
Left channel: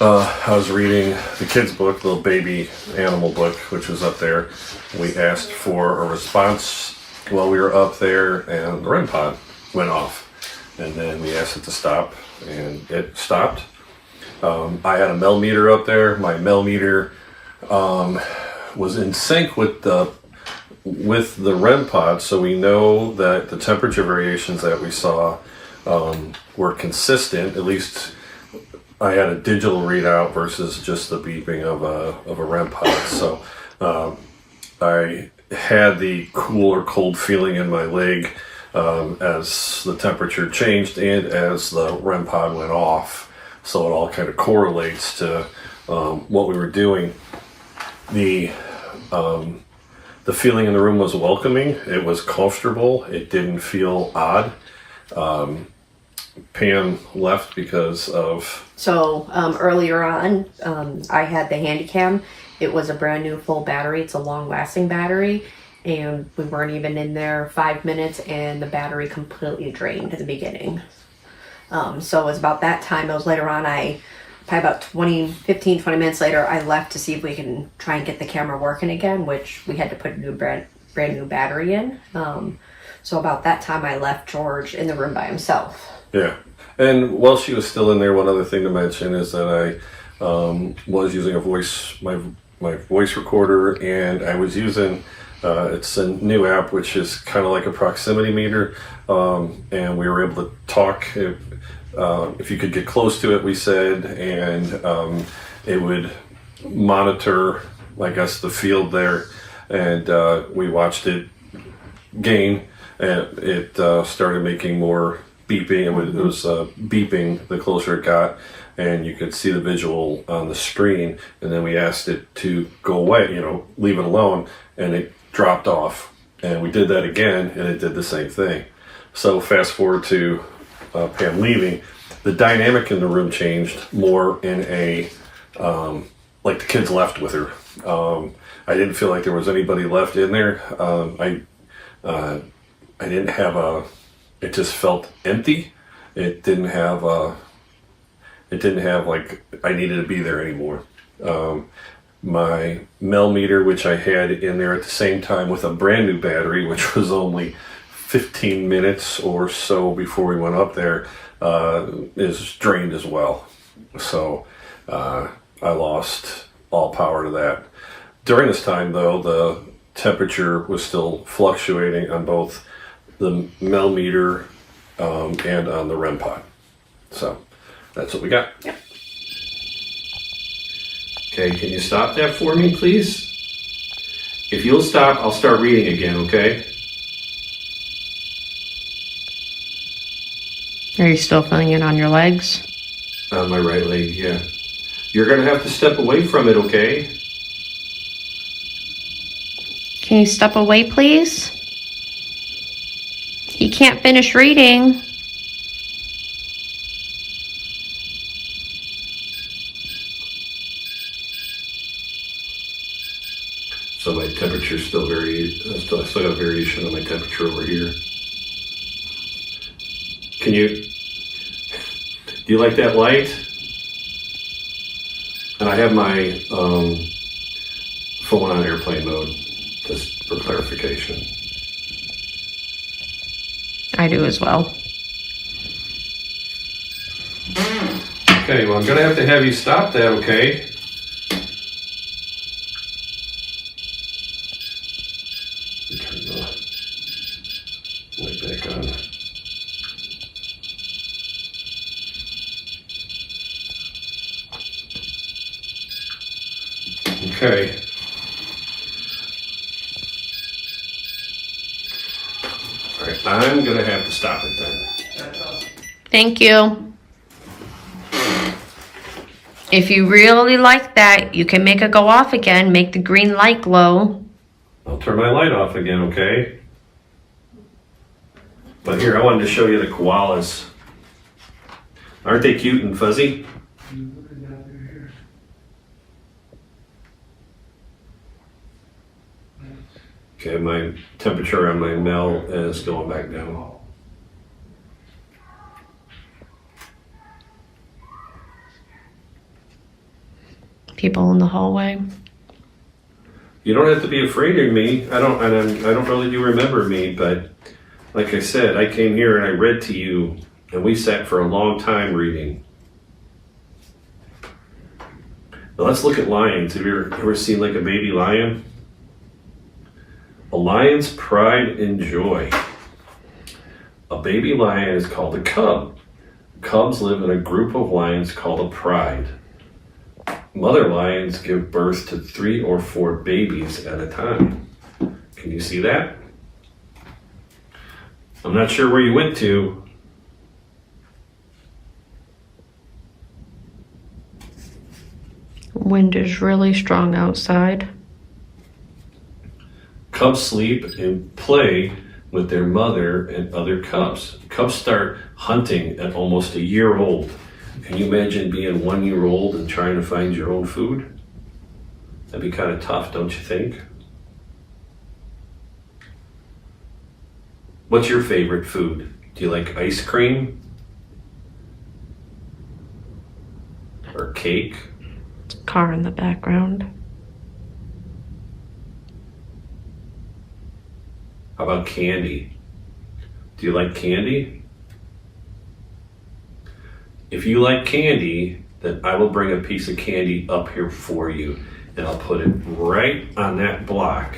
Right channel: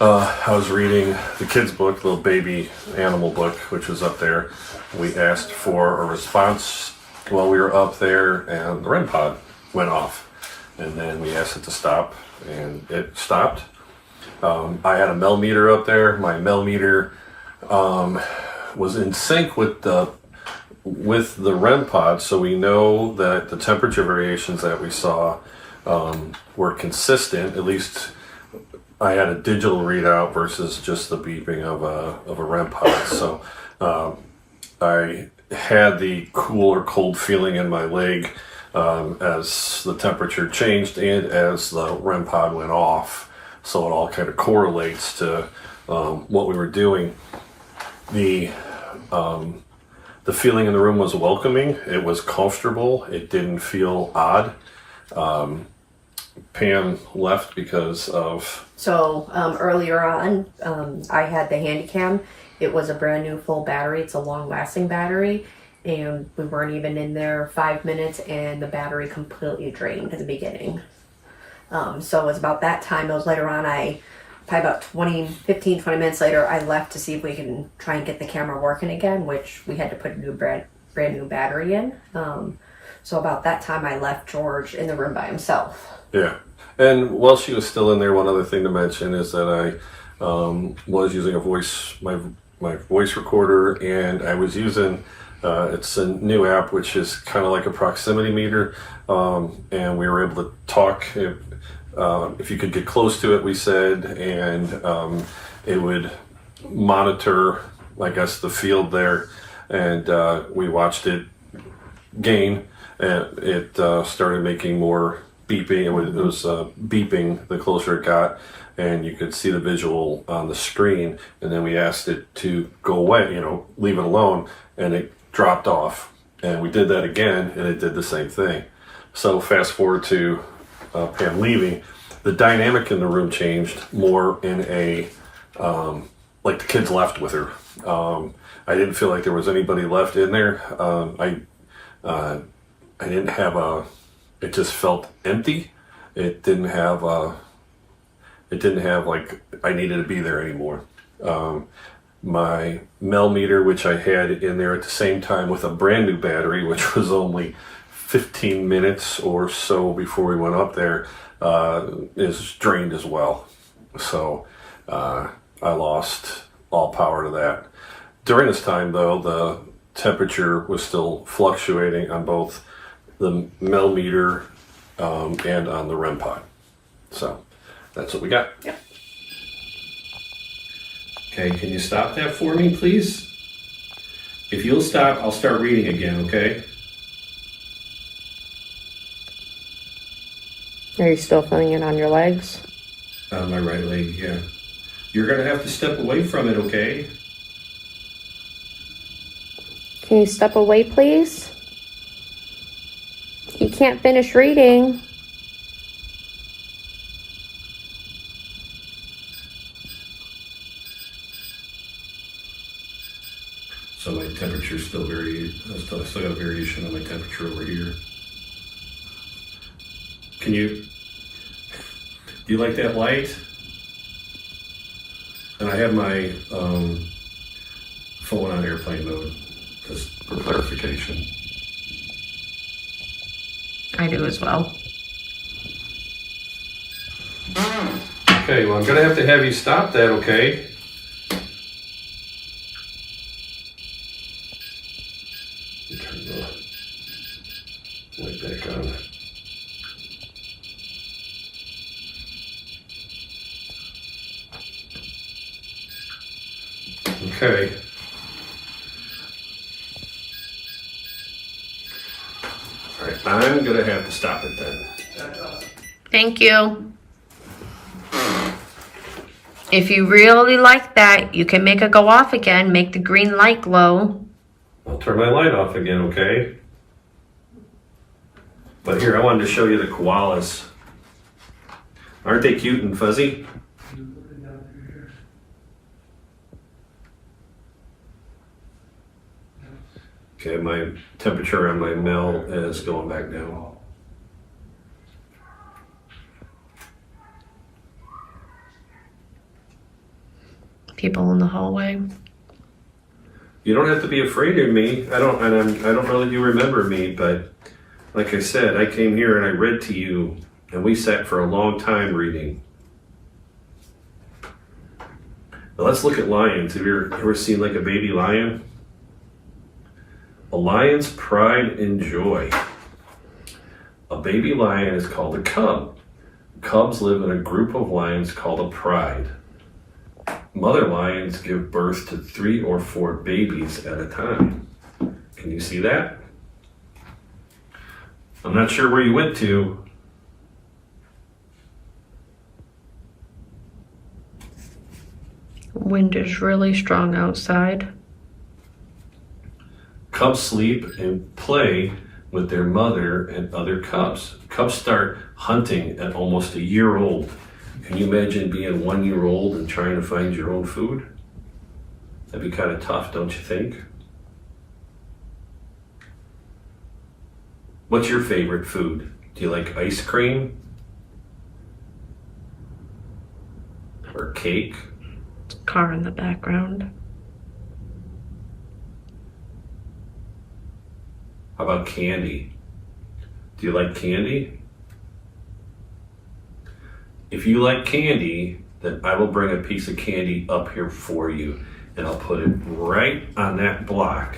I was reading the kids' book, the little baby animal book, which was up there. We asked for a response while we were up there, and the REM pod went off. And then we asked it to stop, and it stopped. I had a mel meter up there. My mel meter was in sync with the REM pod, so we know that the temperature variations that we saw were consistent. At least I had a digital readout versus just the beeping of a REM pod. So I had the cool or cold feeling in my leg as the temperature changed and as the REM pod went off. So it all kind of correlates to what we were doing. The feeling in the room was welcoming. It was comfortable. It didn't feel odd. Pam left because of... So earlier on, I had the Handycam. It was a brand new full battery. It's a long lasting battery. And we weren't even in there 5 minutes and the battery completely drained at the beginning. So it was about that time. It was later on, probably about 15, 20 minutes later, I left to see if we can try and get the camera working again, which we had to put a brand new battery in. So about that time, I left George in the room by himself. Yeah. And while she was still in there, one other thing to mention is that I was using my voice recorder, and I was using... it's a new app, which is kind of like a proximity meter, and we were able to talk if you could get close to it, we said, and it would monitor, I guess, the field there, and we watched it gain, and it started making more beeping. It was beeping the closer it got, and you could see the visual on the screen, and then we asked it to go away, leave it alone, and it dropped off, and we did that again, and it did the same thing. So fast forward to Pam leaving, the dynamic in the room changed more in a like the kids left with her. I didn't feel like there was anybody left in there. I didn't have it just felt empty. It didn't have like I needed to be there anymore. My mel meter, which I had in there at the same time with a brand new battery, which was only 15 minutes or so before we went up there, is drained as well. So I lost all power to that. During this time, though, the temperature was still fluctuating on both the mel meter and on the REM pod. So that's what we got. Yep. Okay, can you stop that for me, please? If you'll stop, I'll start reading again, okay? Are you still feeling it on your legs? On my right leg, yeah. You're gonna have to step away from it, okay? Can you step away, please? You can't finish reading. So my temperature's still still got a variation on my temperature over here. Do you like that light? And I have my phone on airplane mode, just for clarification. I do as well. Okay, well, I'm gonna have to have you stop that, okay? Turn the light back on. Okay. All right, I'm gonna have to stop it then. Thank you. If you really like that, you can make it go off again. Make the green light glow. I'll turn my light off again, okay? But here, I wanted to show you the koalas. Aren't they cute and fuzzy? Okay, my temperature on my male is going back down. People in the hallway. You don't have to be afraid of me. I don't know that you remember me, but like I said, I came here and I read to you, and we sat for a long time reading. Now let's look at lions. Have you ever seen like a baby lion? A lion's pride and joy. A baby lion is called a cub. Cubs live in a group of lions called a pride. Mother lions give birth to 3 or 4 babies at a time. Can you see that? I'm not sure where you went to. Wind is really strong outside. Cubs sleep and play with their mother and other cubs. Cubs start hunting at almost a year old. Can you imagine being 1 year old and trying to find your own food? That'd be kind of tough, don't you think? What's your favorite food? Do you like ice cream? Or cake? Car in the background. How about candy? Do you like candy? If you like candy, then I will bring a piece of candy up here for you, and I'll put it right on that block.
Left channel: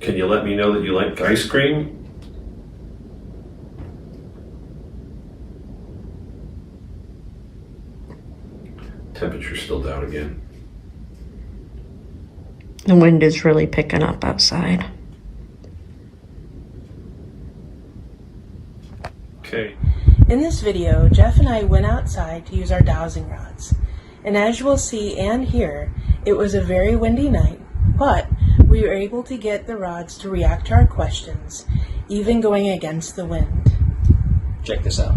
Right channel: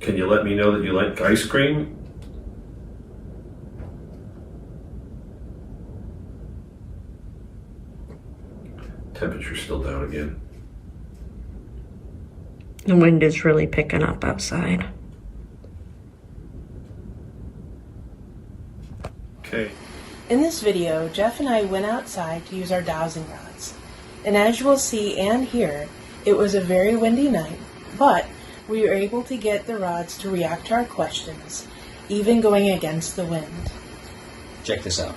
Can you let me know that you like ice cream? Temperature's still down again. The wind is really picking up outside. Okay. In this video, Jeff and I went outside to use our dowsing rods. And as you will see and hear, it was a very windy night, but we were able to get the rods to react to our questions, even going against the wind. Check this out.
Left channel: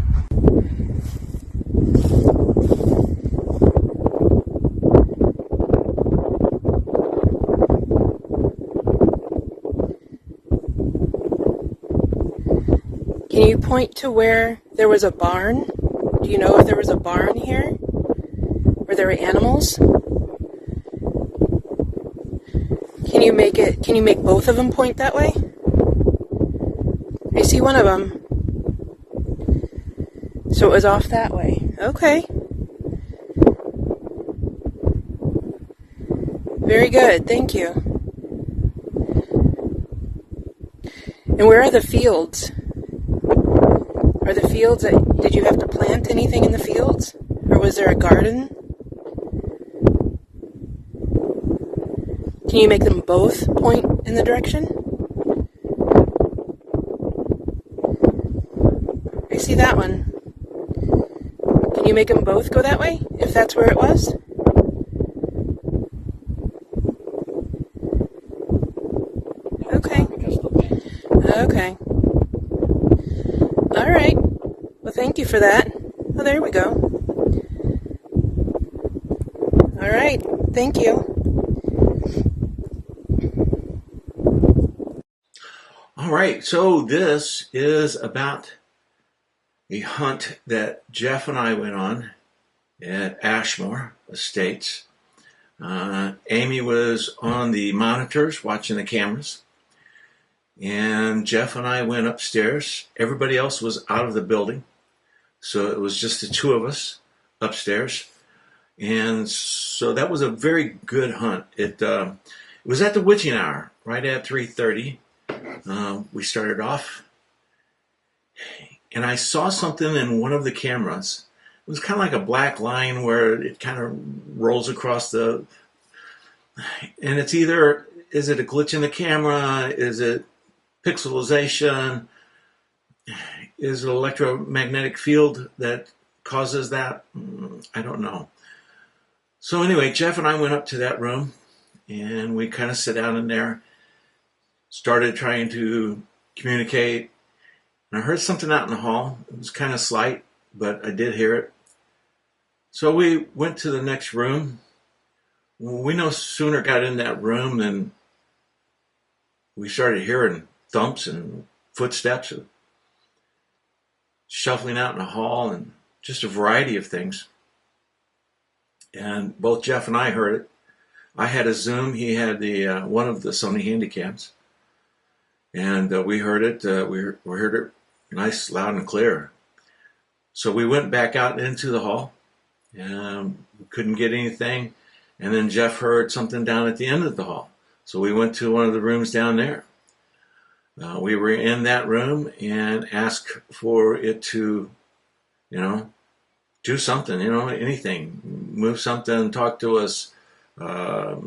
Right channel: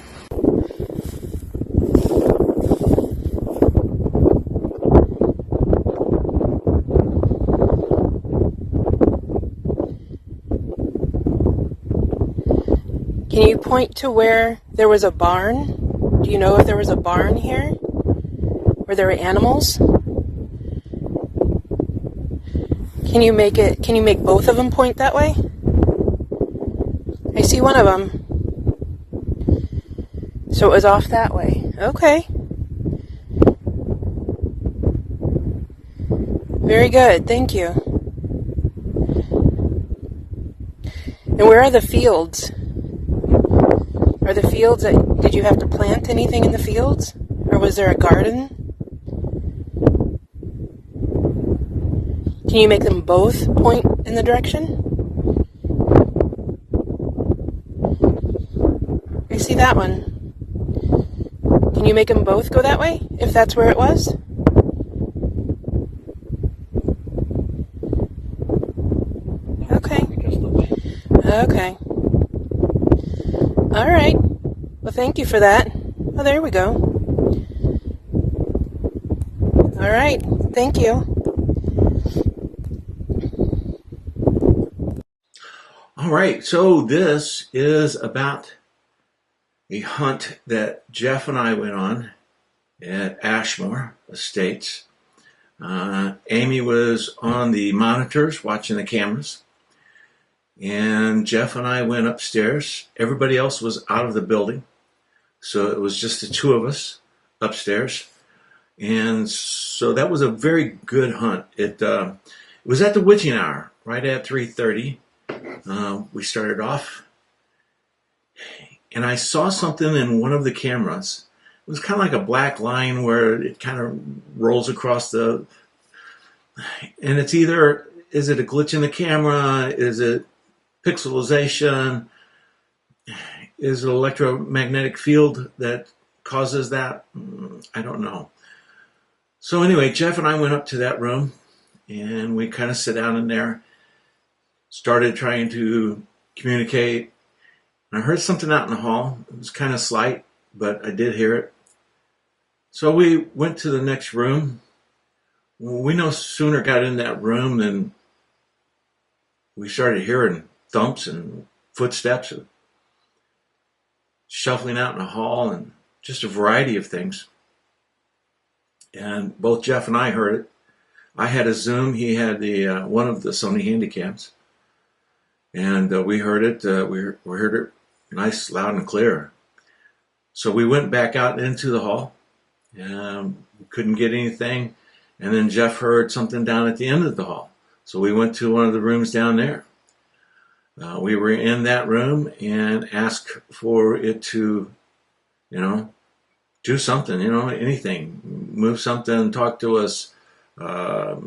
Can you point to where there was a barn? Do you know if there was a barn here? Where there were animals? Can you make both of them point that way? I see one of them. So it was off that way. Okay. Very good, thank you. And where are the fields? Are the fields did you have to plant anything in the fields? Or was there a garden? Can you make them both point in the direction? I see that one. Can you make them both go that way, if that's where it was? Okay. Okay. All right. Well, thank you for that. Oh, there we go. All right. Thank you. All right, so this is about a hunt that Jeff and I went on at Ashmore Estates. Amy was on the monitors watching the cameras, and Jeff and I went upstairs. Everybody else was out of the building, so it was just the two of us upstairs. And so that was a very good hunt. It was at the witching hour, right at 3:30. We started off, and I saw something in one of the cameras. It was kind of like a black line where it kind of rolls across and it's either, is it a glitch in the camera? Is it pixelization? Is it electromagnetic field that causes that? I don't know. So anyway, Jeff and I went up to that room, and we kind of sat down in there, started trying to communicate. And I heard something out in the hall. It was kind of slight, but I did hear it. So we went to the next room. We no sooner got in that room than we started hearing thumps and footsteps and shuffling out in the hall and just a variety of things. And both Jeff and I heard it. I had a Zoom. He had the one of the Sony Handycams. And we heard it. We heard it nice, loud, and clear. So we went back out into the hall. We couldn't get anything. And then Jeff heard something down at the end of the hall. So we went to one of the rooms down there. We were in that room and asked for it to, do something, anything. Move something, talk to us,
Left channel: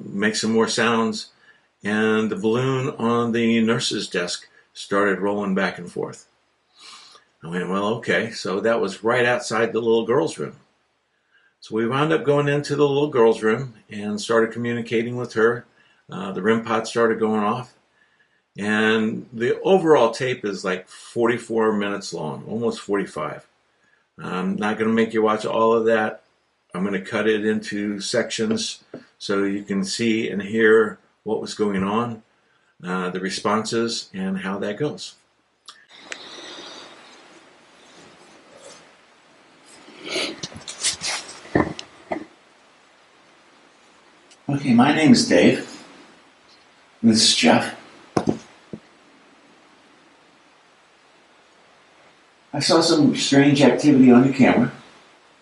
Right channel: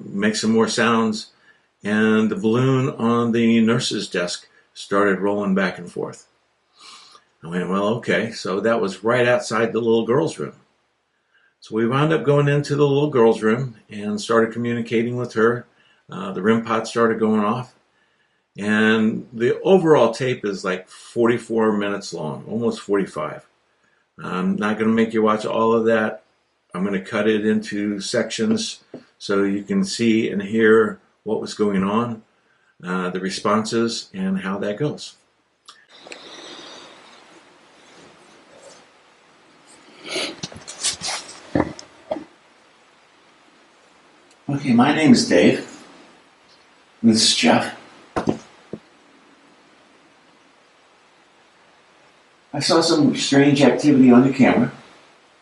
make some more sounds. And the balloon on the nurse's desk started rolling back and forth. I went, well, okay. So that was right outside the little girl's room. So we wound up going into the little girl's room and started communicating with her. The REM pod started going off. And the overall tape is like 44 minutes long, almost 45. I'm not going to make you watch all of that. I'm going to cut it into sections so you can see and hear what was going on, the responses, and how that goes. Okay, my name is Dave. This is Jeff. I saw some strange activity on the camera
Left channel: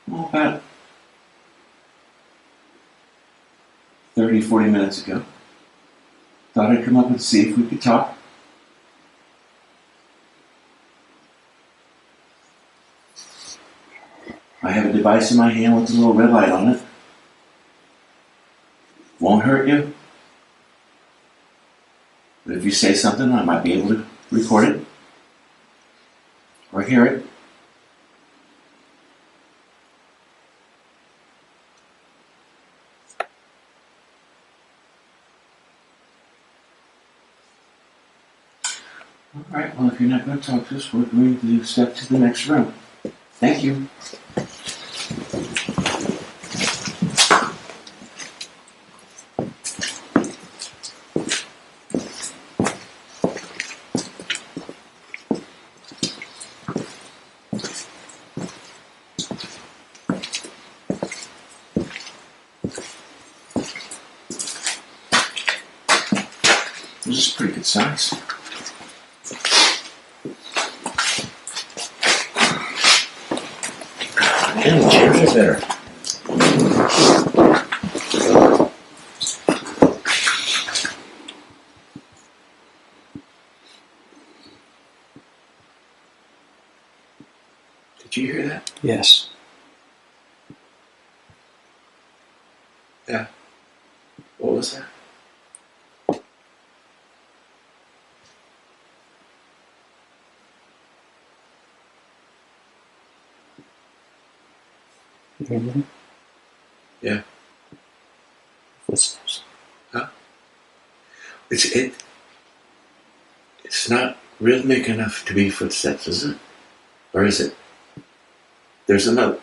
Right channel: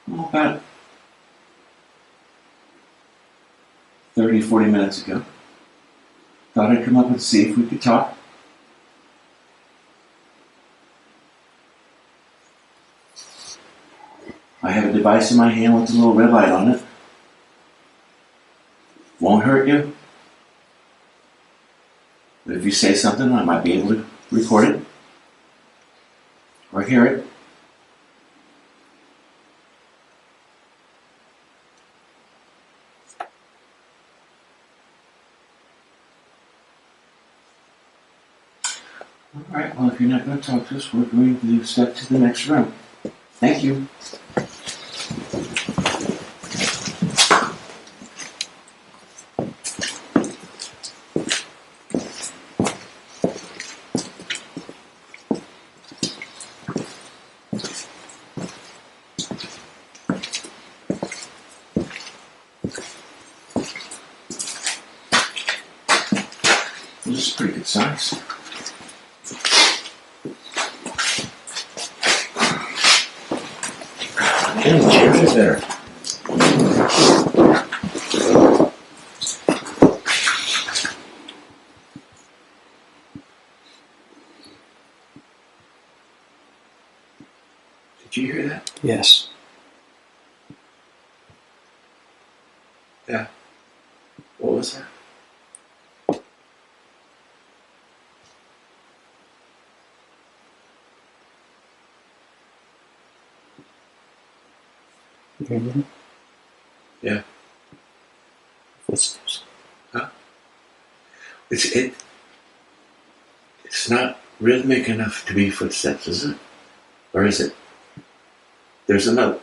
about 30, 40 minutes ago. Thought I'd come up and see if we could talk. I have a device in my hand with a little red light on it. Won't hurt you. But if you say something, I might be able to record it or hear it. All right, well, if you're not going to talk to us, we're going to step to the next room. Thank you. This is pretty good size. And the chairs are better. Did you hear that? Yes. Yeah. What was that? You hear anything? Yeah. Footsteps. Huh? It's not rhythmic enough to be footsteps, is it? Or is it? There's another.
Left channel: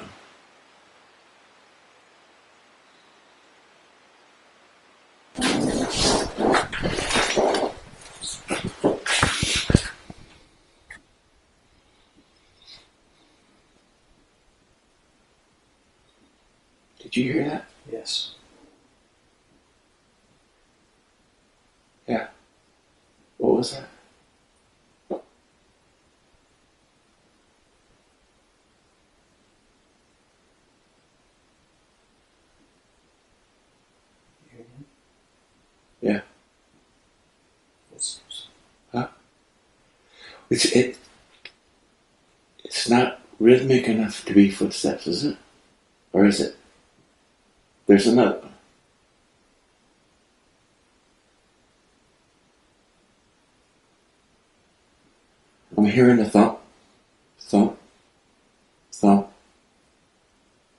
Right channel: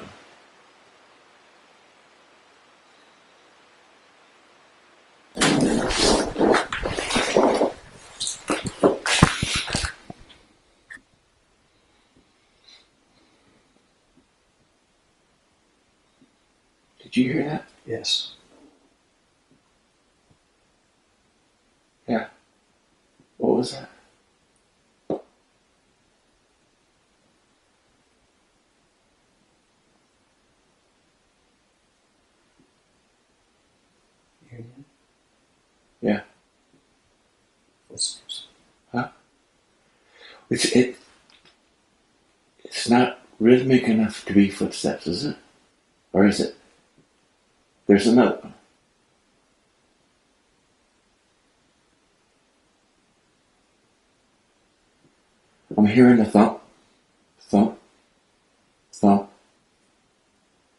Did you hear that? Yes. Yeah. What was that? You hear anything? Yeah. Footsteps. Huh? It's not rhythmic enough to be footsteps, is it? Or is it? There's another. I'm hearing a thump, thump, thump.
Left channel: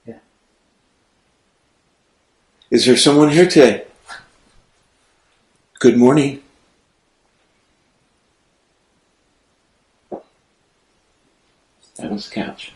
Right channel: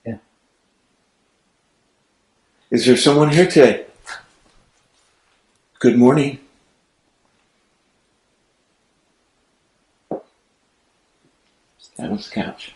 Yeah. Is there someone here today? Good morning. That was the couch.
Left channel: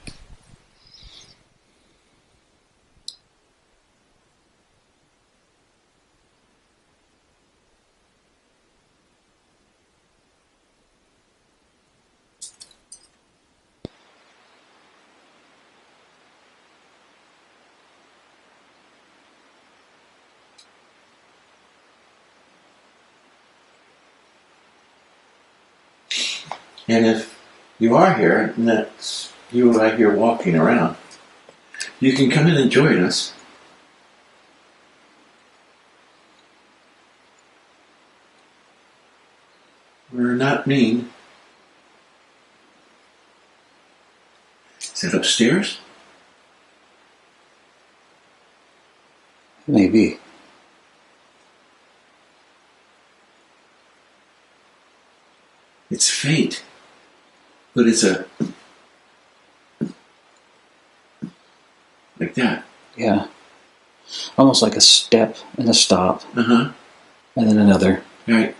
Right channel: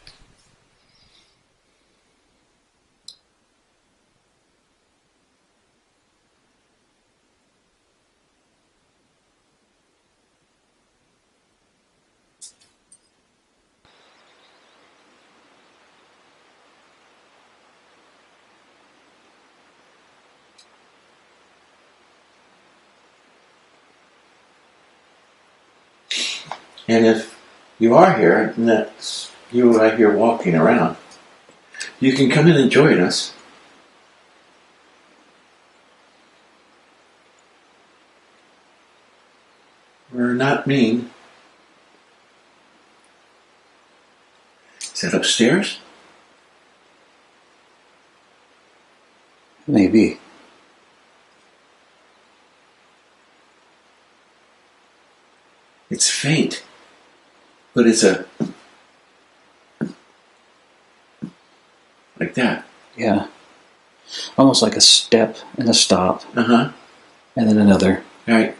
And if you are here, and that's you out here walking around, you can come in and join us. We're not mean. Is that upstairs? Maybe. It's faint, but it's like that. Yeah. Almost like a step and a stop. Uh-huh. And then another. Right.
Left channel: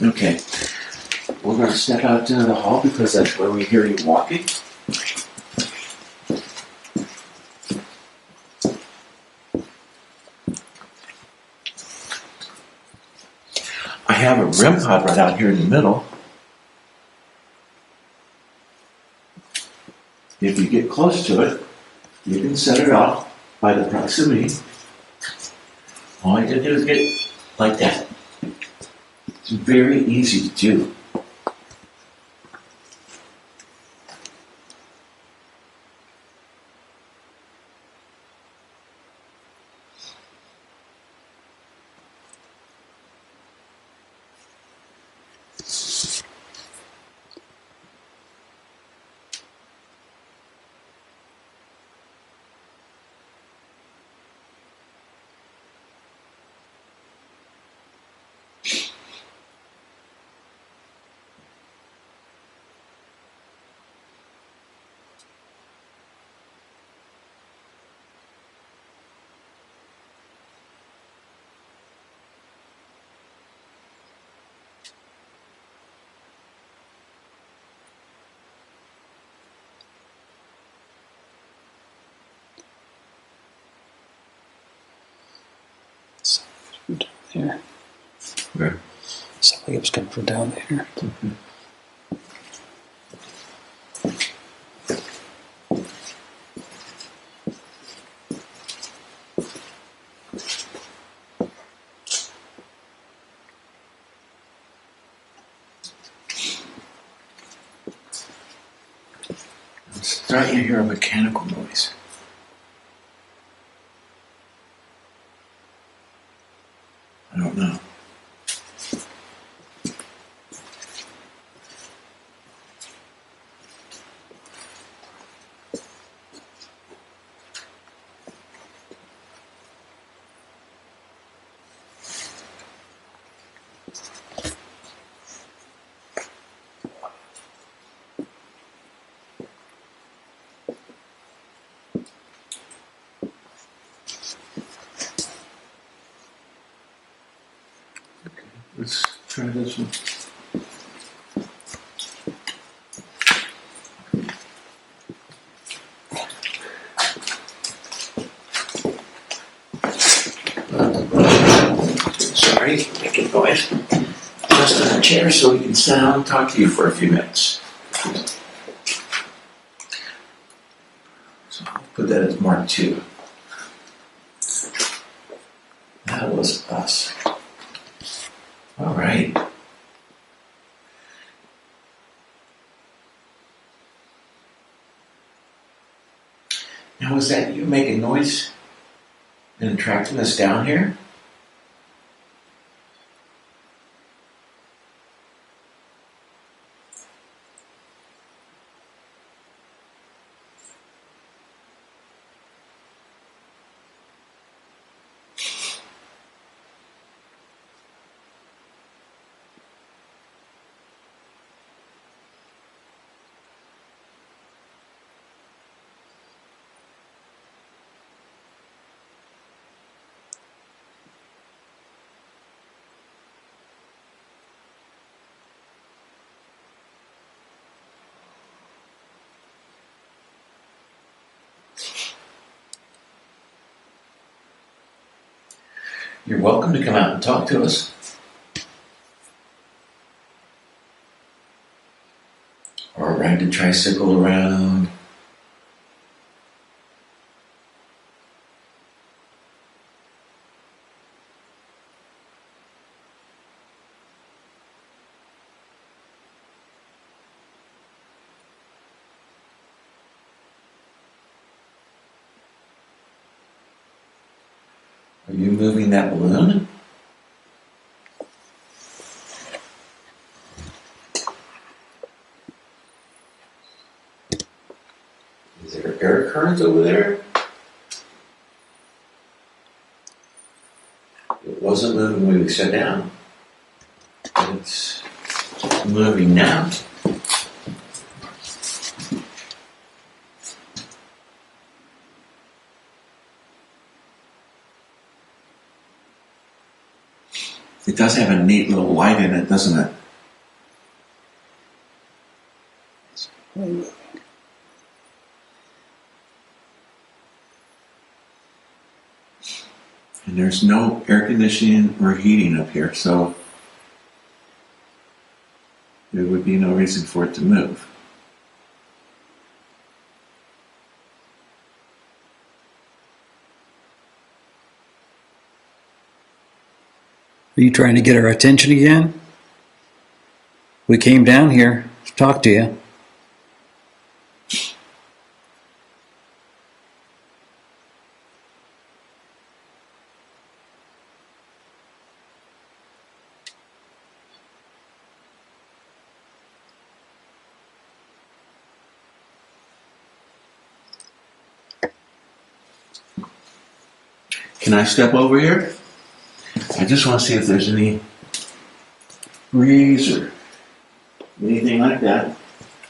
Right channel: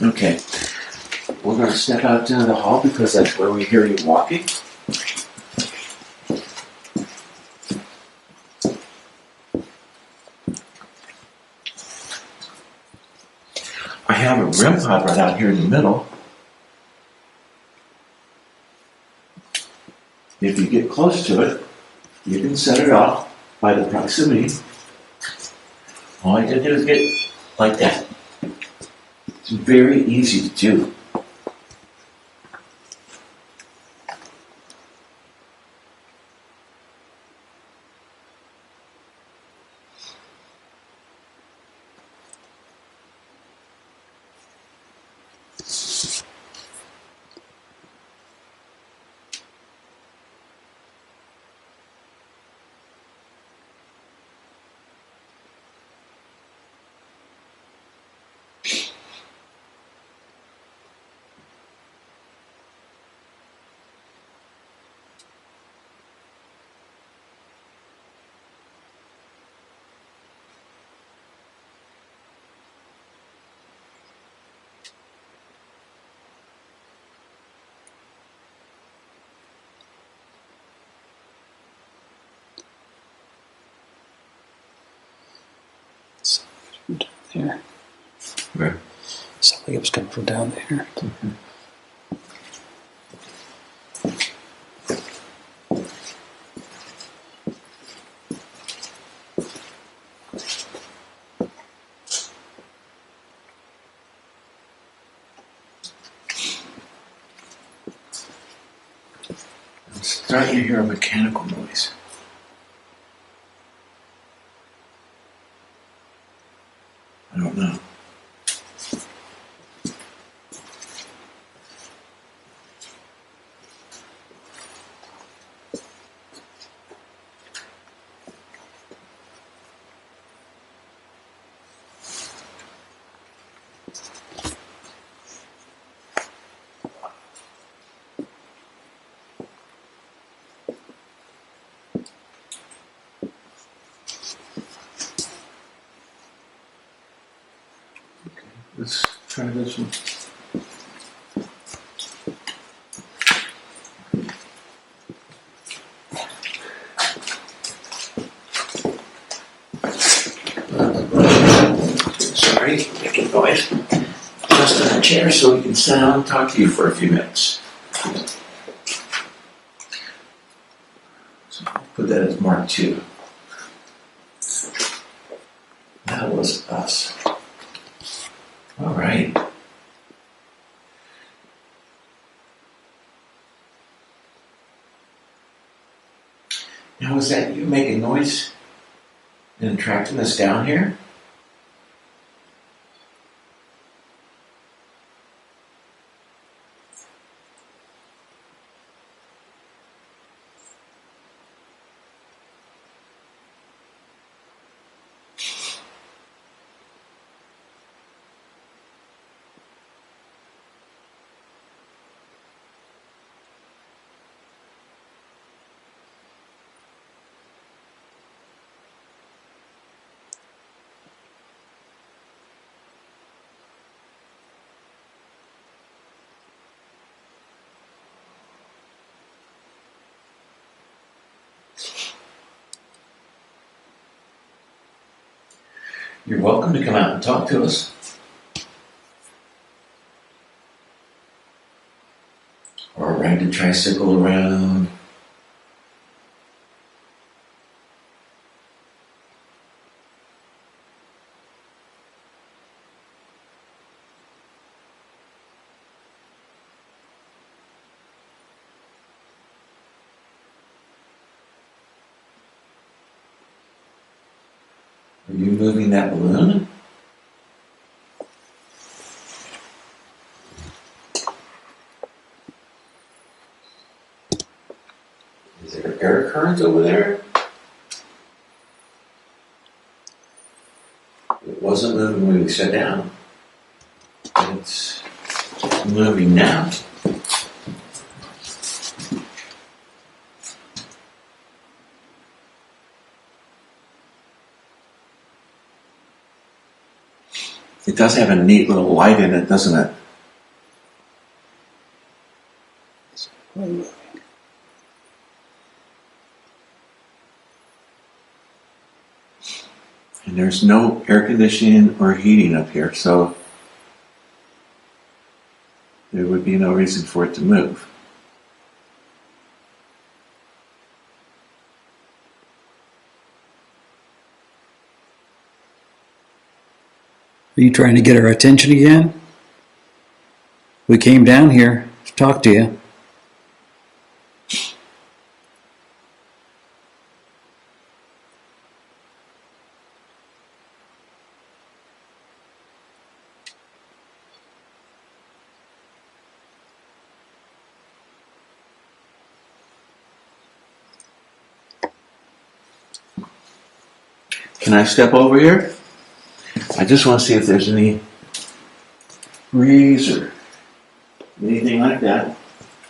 Okay. We're going to step out into the hall because that's where we hear you walking. I have a REM pod right out here in the middle. If you get close to it, you can set it off by the proximity. All you have to do is get like that. It's very easy to do. Down there. Where? Sounded like it was coming from down there. Mm-hmm. I'm starting to hear a mechanical noise. I don't know. Let's try this one. Sorry, making noise. Just on a chair so we can sit down and talk to you for a few minutes. So I'll put that as Mark 2. That was us. All right. Now, was that you making noise and attracting us down here? You're welcome to come out and talk to us. Or ride the tricycle around. Are you moving that balloon? Is there air currents over there? It wasn't moving when we sat down. It's moving now. It does have a neat little light in it, doesn't it? It's moving. And there's no air conditioning or heating up here, so there would be no reason for it to move. Are you trying to get our attention again? We came down here to talk to you. Can I step over here? I just want to see if there's any breeze or anything like that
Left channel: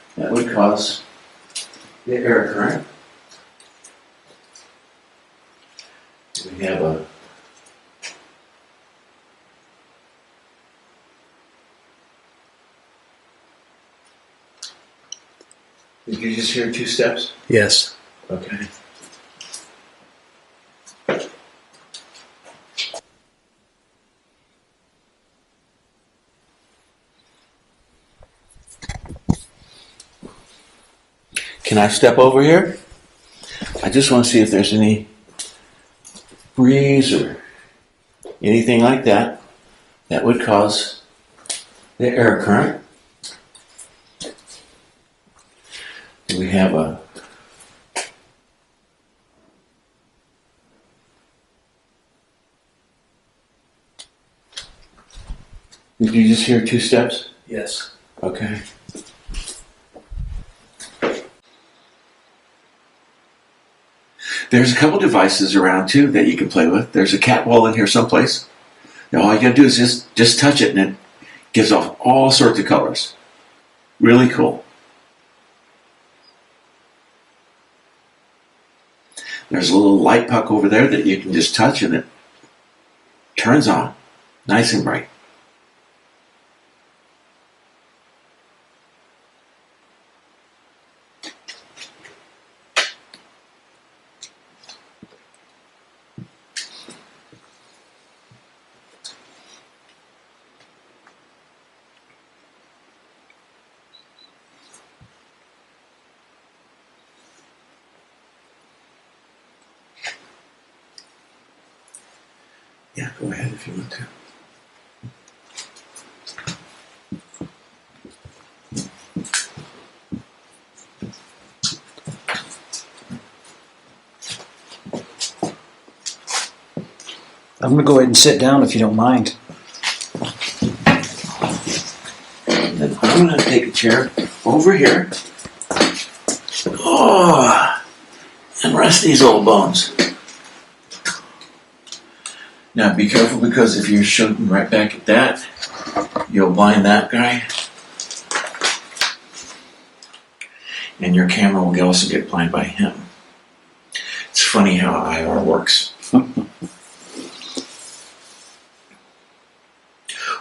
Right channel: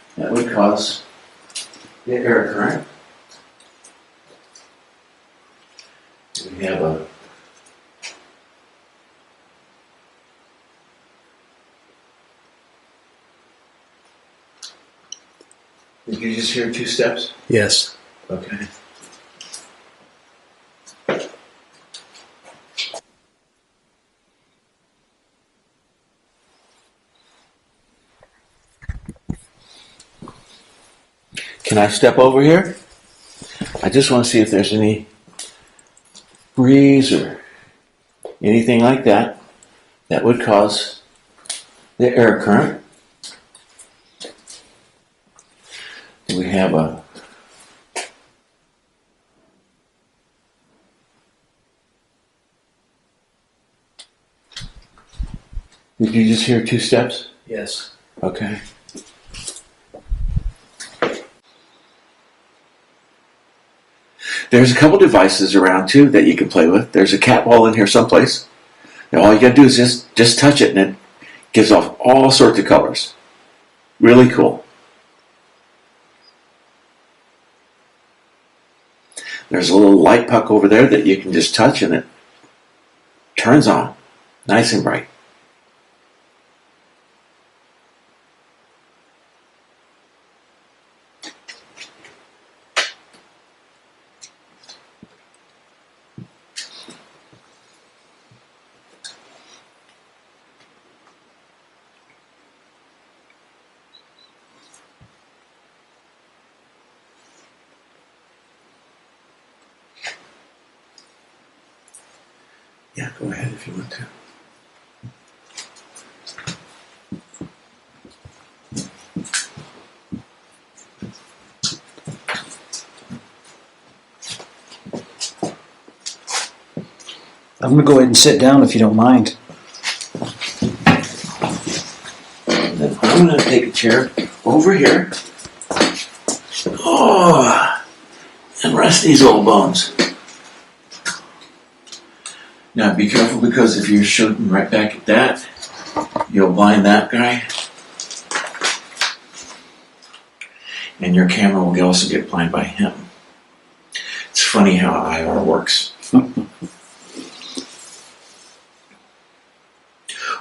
that would cause the air current. We have a Did you just hear 2 steps? Yes. Okay. Can I step over here? I just want to see if there's any breeze or anything like that that would cause the air current. Do we have a Did you just hear 2 steps? Yes. Okay. There's a couple devices around too that you can play with. There's a cat ball in here someplace. Now all you gotta do is just touch it and it gives off all sorts of colors. Really cool. There's a little light puck over there that you can just touch and it turns on. Nice and bright. Yeah, go ahead if you want to. I'm going to go ahead and sit down if you don't mind. And then I'm going to take a chair over here. Oh, and rest these old bones. Now be careful because if you're shooting right back at that, you'll blind that guy. And your camera will also get blind by him. It's funny how IR works.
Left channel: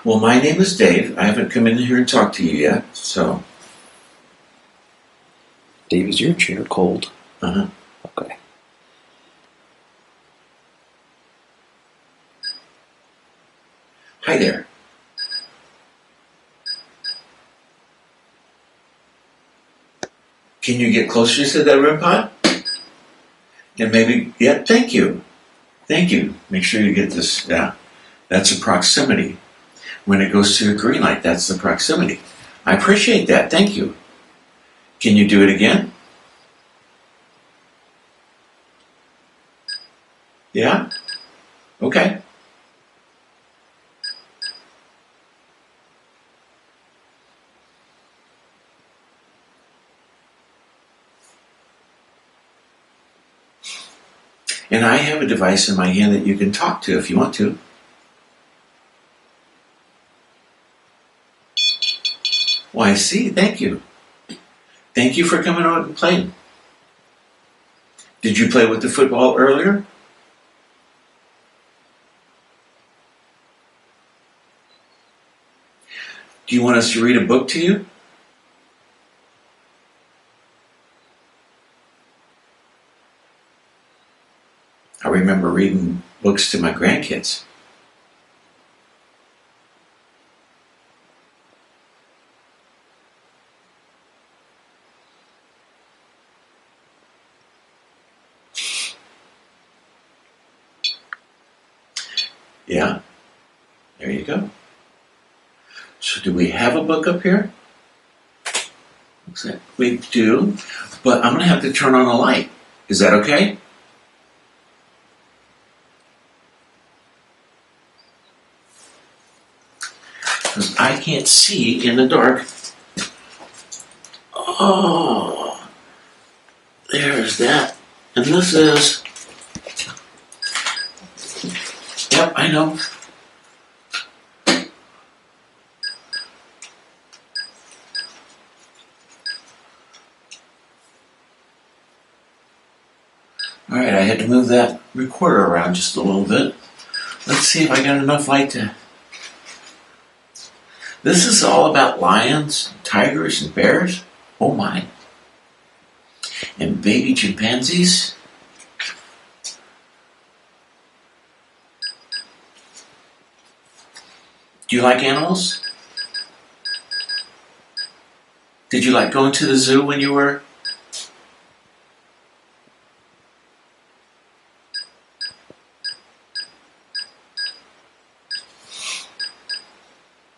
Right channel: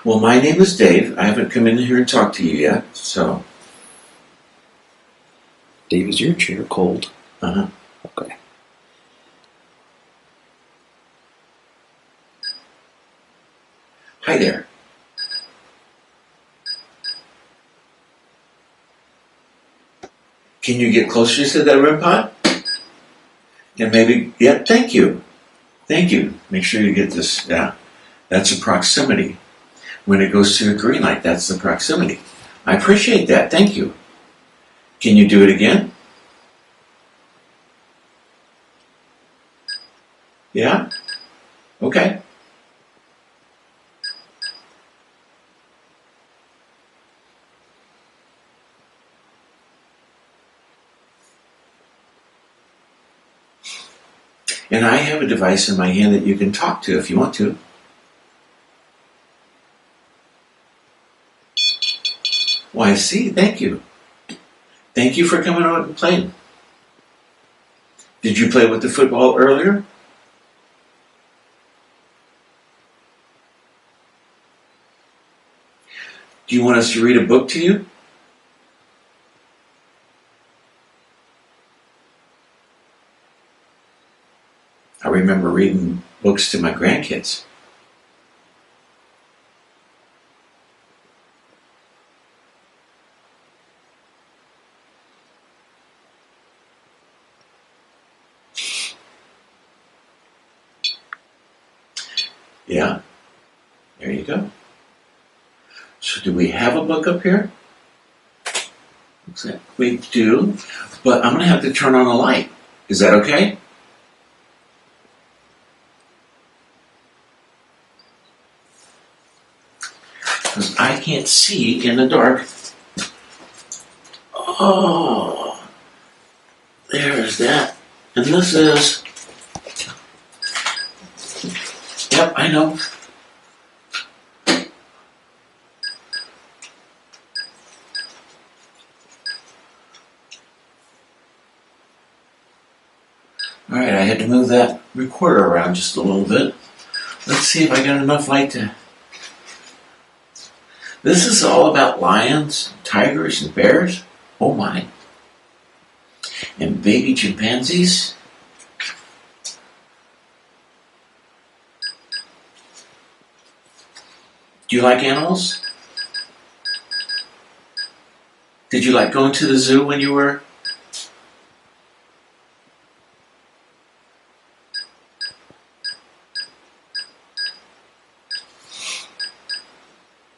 Well, my name is Dave. I haven't come in here and talked to you yet, so. Dave, is your chair cold? Uh-huh. Okay. Hi there. Can you get closer to that REM pod? And maybe, yeah, thank you. Thank you. Make sure you get this, yeah. That's a proximity. When it goes to a green light, that's the proximity. I appreciate that. Thank you. Can you do it again? Yeah? Okay. And I have a device in my hand that you can talk to if you want to. Well, I see. Thank you. Thank you for coming out and playing. Did you play with the football earlier? Do you want us to read a book to you? I remember reading books to my grandkids. Yeah, there you go. So do we have a book up here? Looks like we do, but I'm going to have to turn on the light. Is that okay? Because I can't see in the dark. Oh, there's that. And this is... Yep, I know. Alright, I had to move that recorder around just a little bit. Let's see if I got enough light to... This is all about lions, tigers, and bears. Oh my. And baby chimpanzees. Do you like animals? Did you like going to the zoo when you were...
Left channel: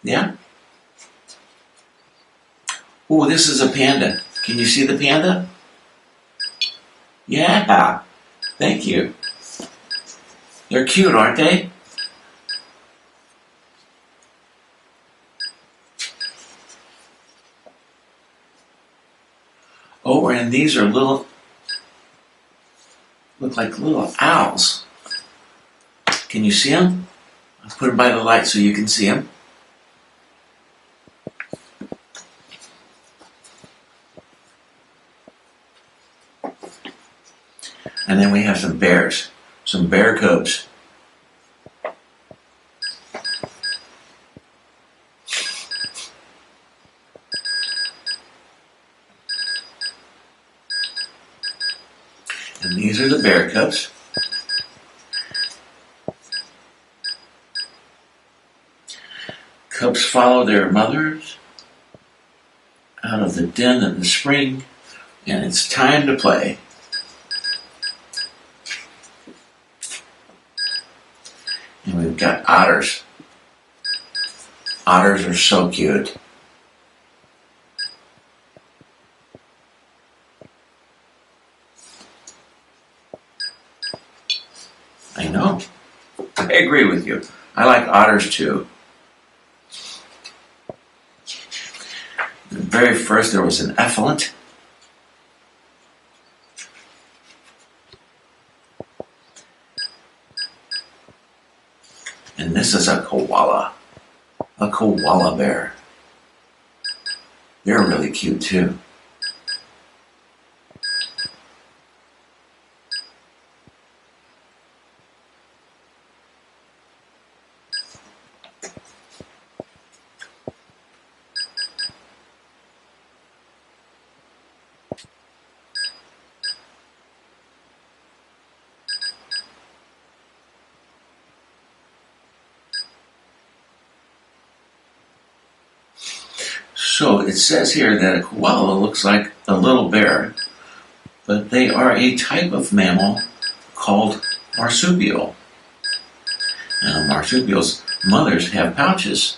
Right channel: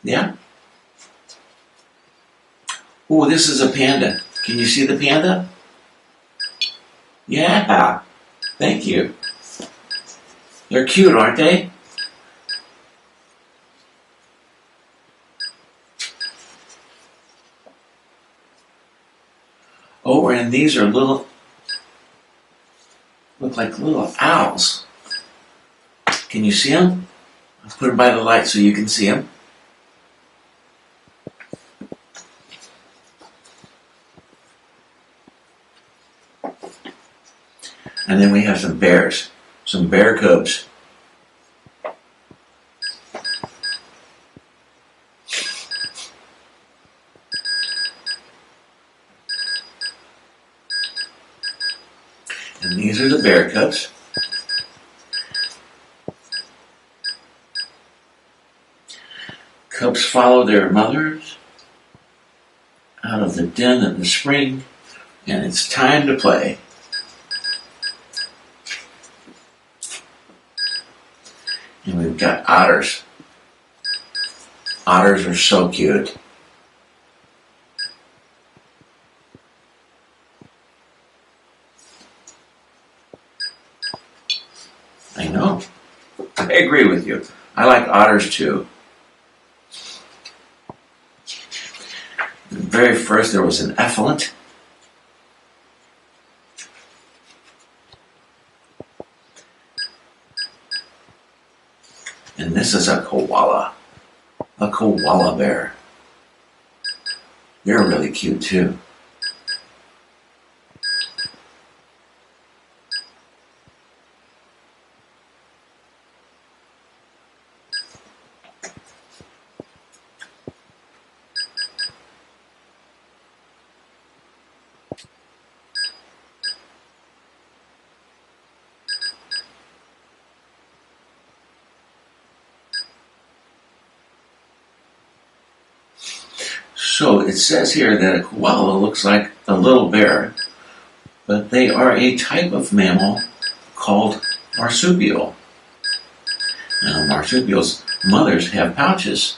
Yeah? Oh, this is a panda. Can you see the panda? Yeah. Thank you. They're cute, aren't they? Oh, and these are little, look like little owls. Can you see them? I'll put them by the light so you can see them. And then we have some bears, some bear cubs. And these are the bear cubs. Cubs follow their mothers out of the den in the spring, and it's time to play. And we've got otters. Otters are so cute. I know. I agree with you. I like otters too. Very first there was an effluent. And this is a koala bear. They're really cute too. So it says here that a koala looks like a little bear, but they are a type of mammal called marsupial. Now, marsupials' mothers have pouches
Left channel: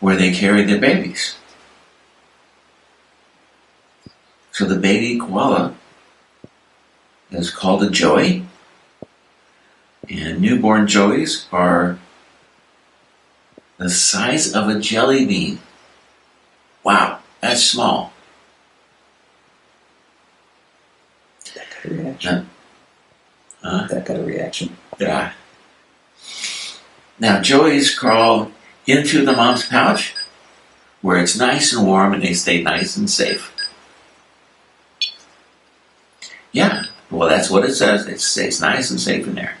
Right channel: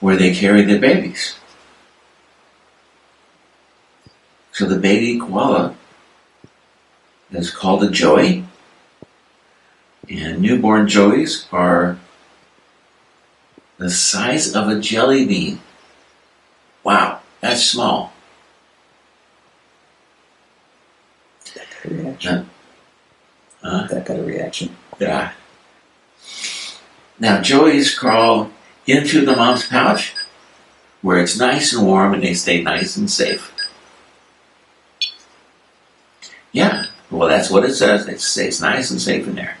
where they carry their babies. So the baby koala is called a joey, and newborn joeys are the size of a jelly bean. Wow, that's small. That got a reaction. That got a reaction. Yeah. Now, joeys crawl into the mom's pouch where it's nice and warm and they stay nice and safe. Yeah, well, that's what it says. It stays nice and safe in there.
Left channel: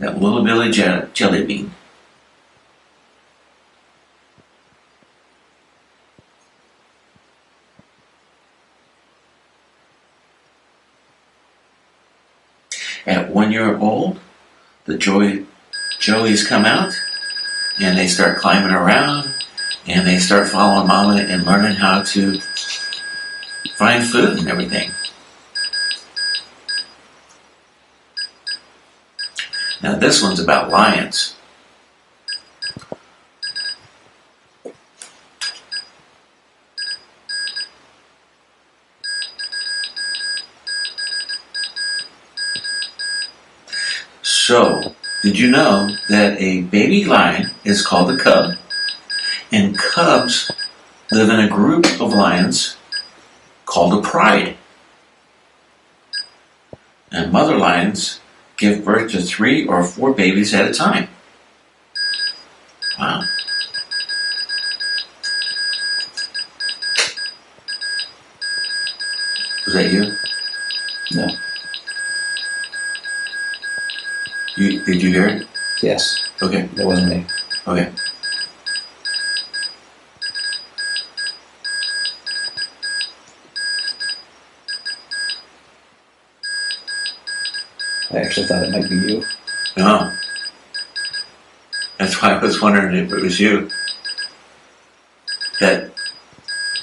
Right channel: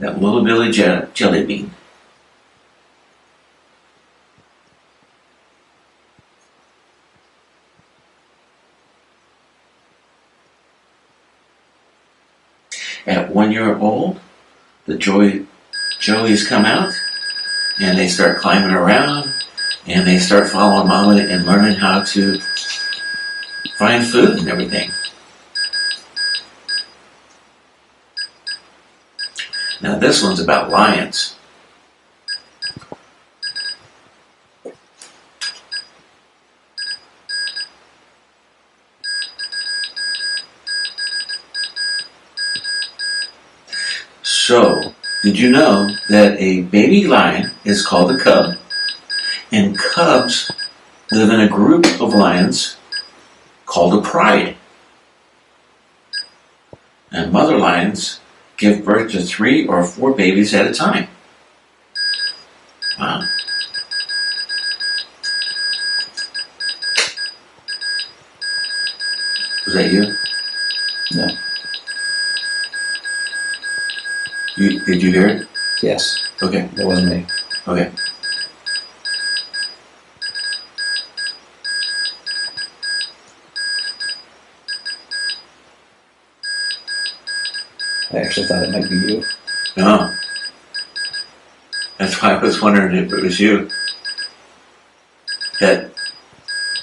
That little Billy jelly bean. At 1 year old, the joeys come out and they start climbing around and they start following mama and learning how to find food and everything. Now this one's about lions. So, did you know that a baby lion is called a cub? And cubs live in a group of lions called a pride. And mother lions give birth to 3 or 4 babies at a time. Wow. Was that you? No. Did you hear it? Yes. Okay. That wasn't me. Okay. I actually thought it might be you. No. That's why I was wondering if it was you. That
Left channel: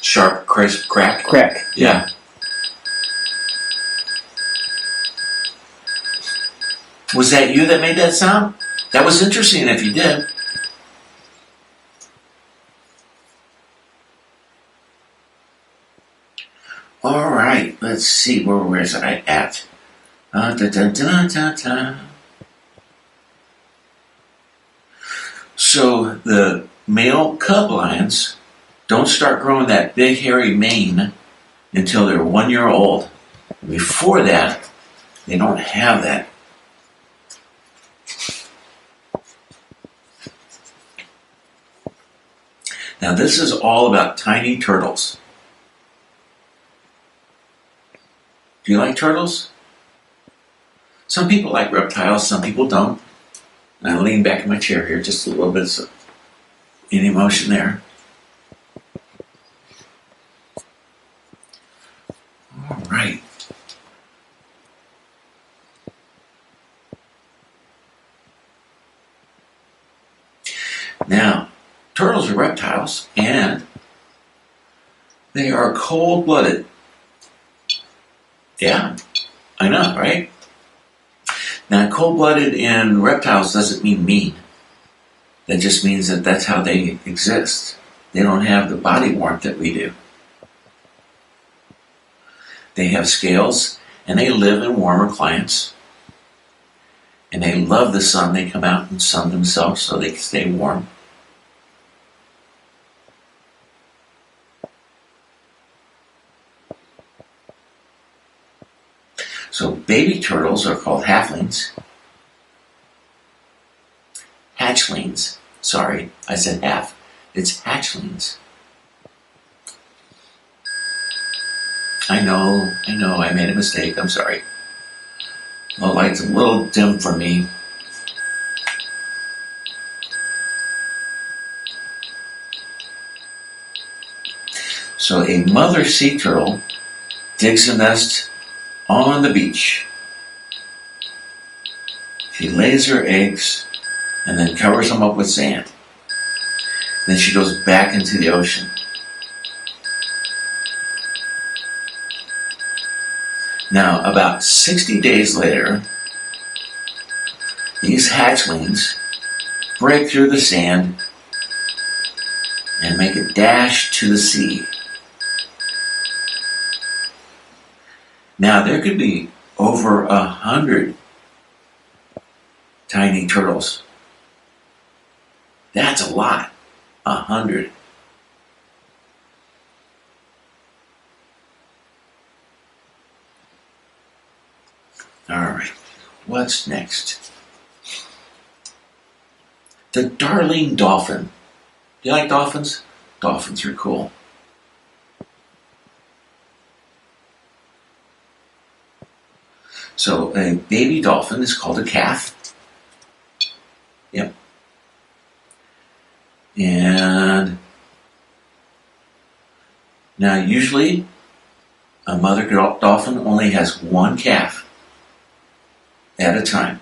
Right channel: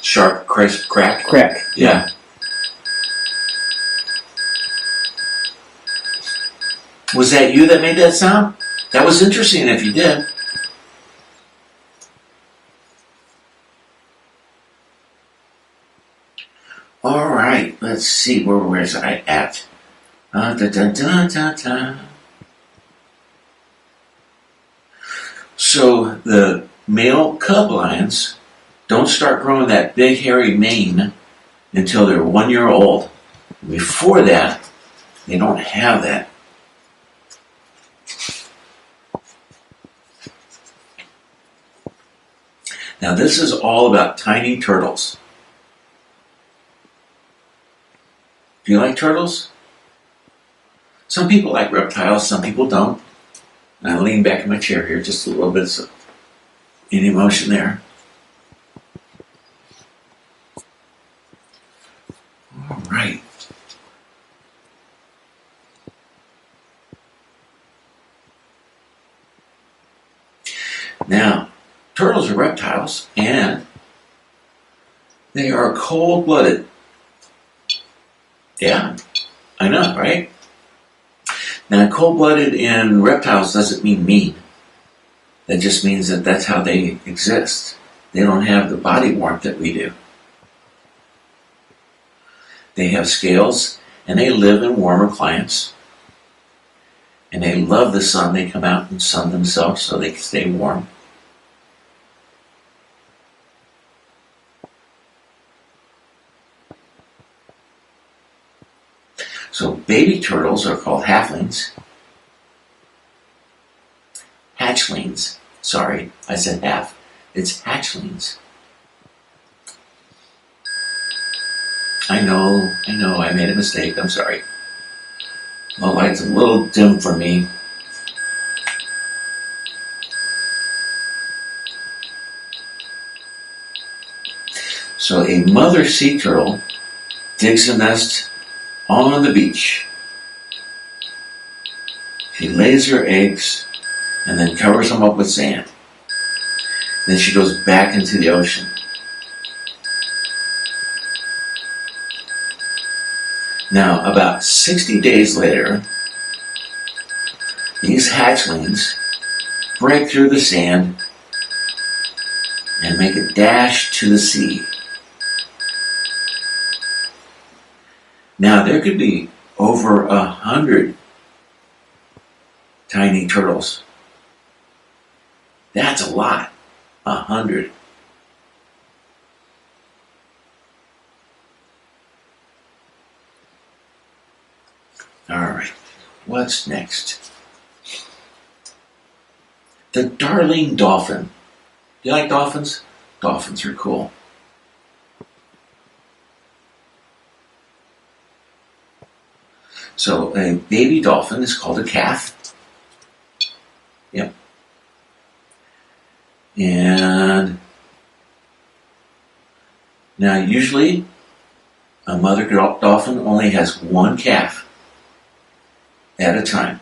sharp, crisp crack? Crack. Yeah. Was that you that made that sound? That was interesting if you did. All right, let's see, where was I at? So the male cub lions don't start growing that big hairy mane until they're 1 year old. Before that, they don't have that. Now this is all about tiny turtles. Do you like turtles? Some people like reptiles, some people don't. And I lean back in my chair here, just a little bit of any emotion there. All right. Now, turtles are reptiles, and they are cold-blooded. Yeah, I know, right? Now, cold-blooded in reptiles doesn't mean mean. That just means that that's how they exist. They don't have the body warmth that we do. They have scales, and they live in warmer climates. And they love the sun. They come out and sun themselves so they can stay warm. So baby turtles are called halflings. Hatchlings. Sorry, I said half. It's hatchlings. I know, I made a mistake. I'm sorry. The light's a little dim for me. So a mother sea turtle digs a nest on the beach. She lays her eggs and then covers them up with sand. Then she goes back into the ocean. Now, about 60 days later, these hatchlings break through the sand and make a dash to the sea. Now, there could be over 100 tiny turtles. That's a lot. 100. All right, what's next? The darling dolphin. Do you like dolphins? Dolphins are cool. So a baby dolphin is called a calf. Yep. And now usually a mother dolphin only has one calf at a time.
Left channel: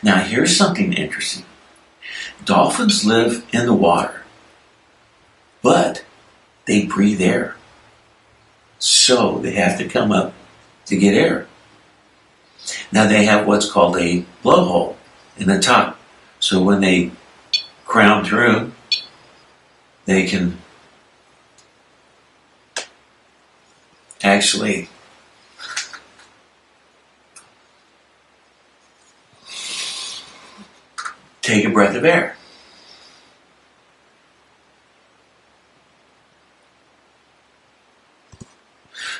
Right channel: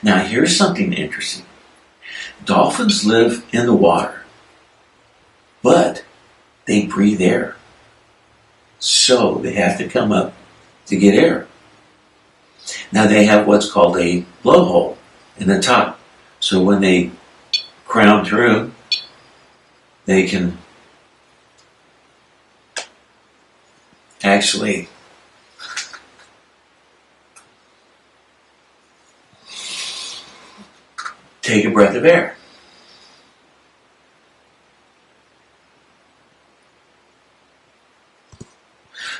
Now here's something interesting. Dolphins live in the water, but they breathe air. So they have to come up to get air. Now they have what's called a blowhole in the top. So when they crown through, they can actually take a breath of air.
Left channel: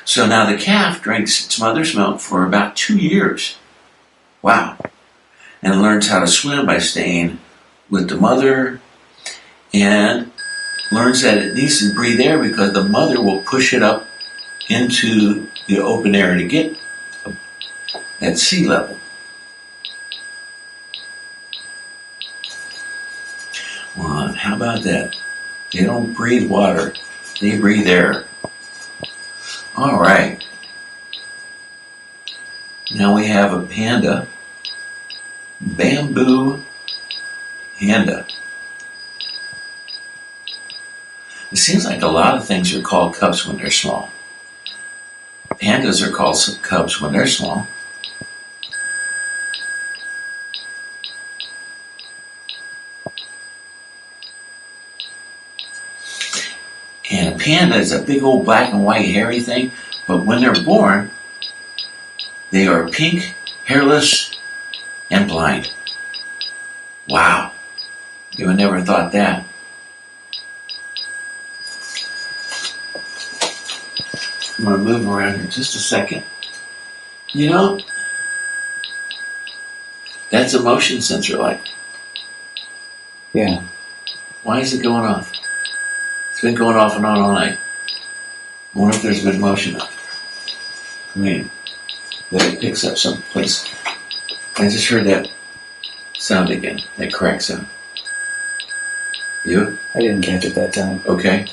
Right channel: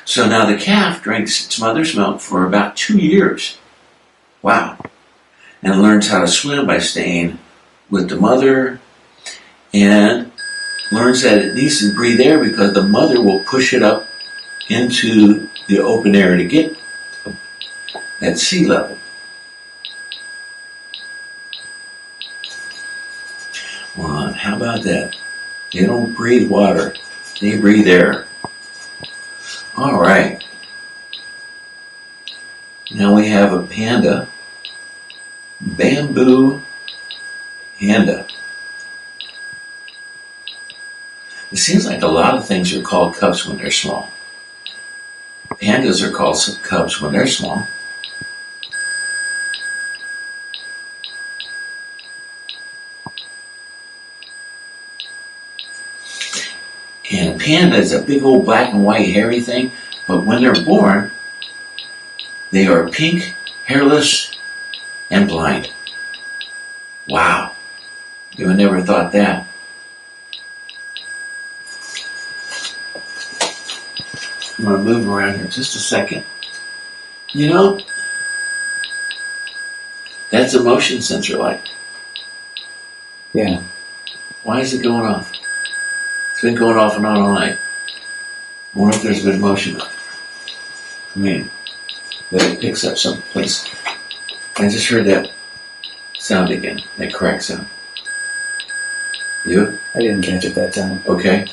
So now the calf drinks its mother's milk for about 2 years. Wow. And learns how to swim by staying with the mother, and learns that it needs to breathe air because the mother will push it up into the open air to get at sea level. Well, how about that? They don't breathe water, they breathe air. All right. Now we have a panda, bamboo panda. It seems like a lot of things are called cubs when they're small. Pandas are called cubs when they're small. And a panda is a big old black and white hairy thing, but when they're born, they are pink, hairless, and blind. Wow. You would never thought that. I'm gonna move around here just a second. You know, that's a motion sensor light. Yeah. Why is it going off? It's been going off and on all night. I wonder if there's been motion up. I mean, that it picks up someplace. I just heard that sound again, that crack sound. You? I didn't catch it that time. Okay.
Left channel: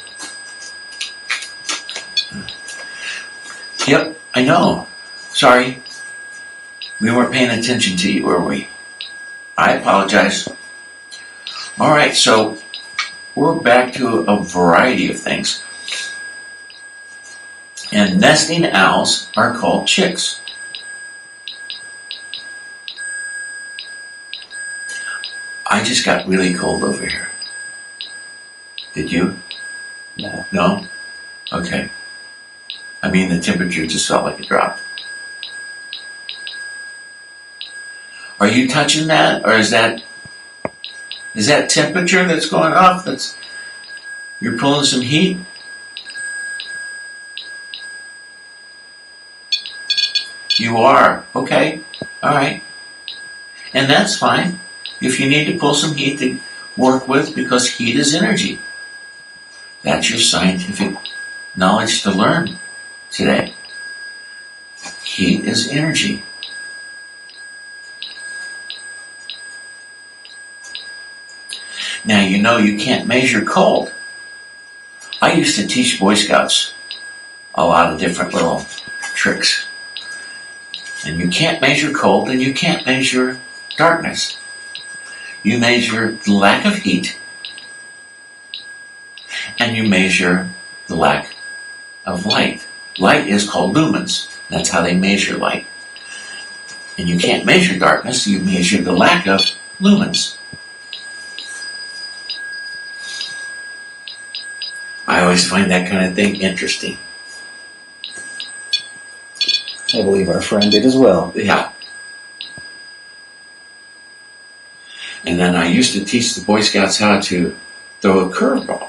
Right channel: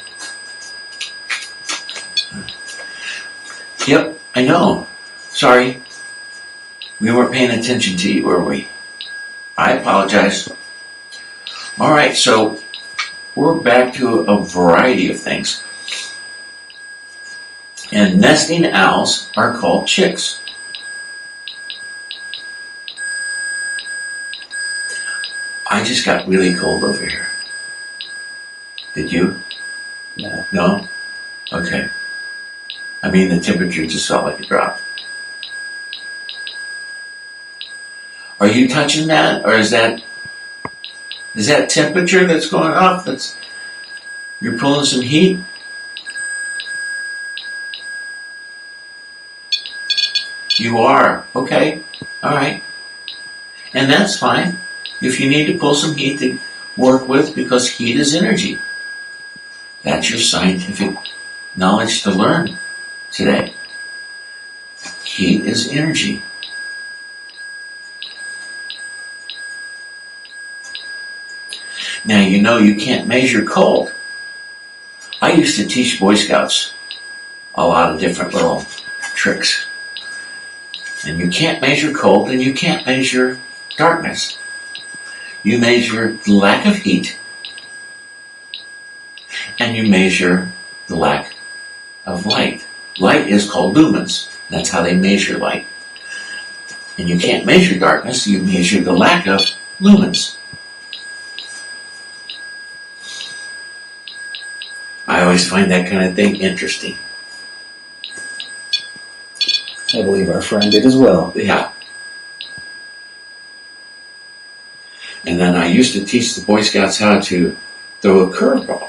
Yep, I know. Sorry. We weren't paying attention to you, were we? I apologize. All right, so we're back to a variety of things. And nesting owls are called chicks. I just got really cold over here. Did you? No. No? Okay. I mean, the temperature just felt like it dropped. Are you touching that, or is that temperature that's going off? You're pulling some heat? You are. Okay. All right. And that's fine if you need to pull some heat to work with, because heat is energy. That's your scientific knowledge to learn today. Heat is energy. Now, you know you can't measure cold. I used to teach Boy Scouts a lot of different little tricks. And you can't measure cold and you can't measure darkness. You measure the lack of heat and you measure the lack of light. Light is called lumens. That's how they measure light. And you can't measure darkness, you measure the lack of lumens. I always find that kind of thing interesting. I believe our friend did as well. Yeah. And then I used to teach the Boy Scouts how to throw a curveball,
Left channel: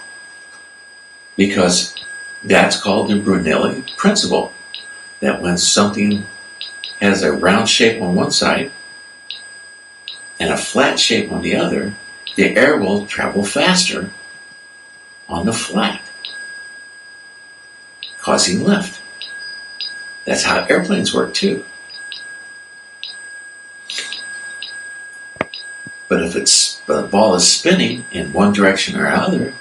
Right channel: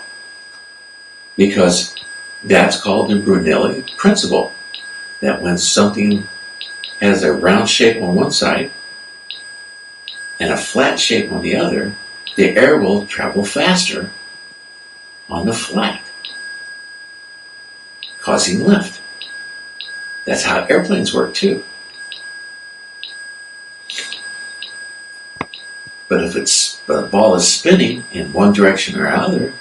because that's called the Brunelli principle, that when something has a round shape on one side and a flat shape on the other, the air will travel faster on the flat, causing lift. That's how airplanes work too. But if the ball is spinning in one direction or other,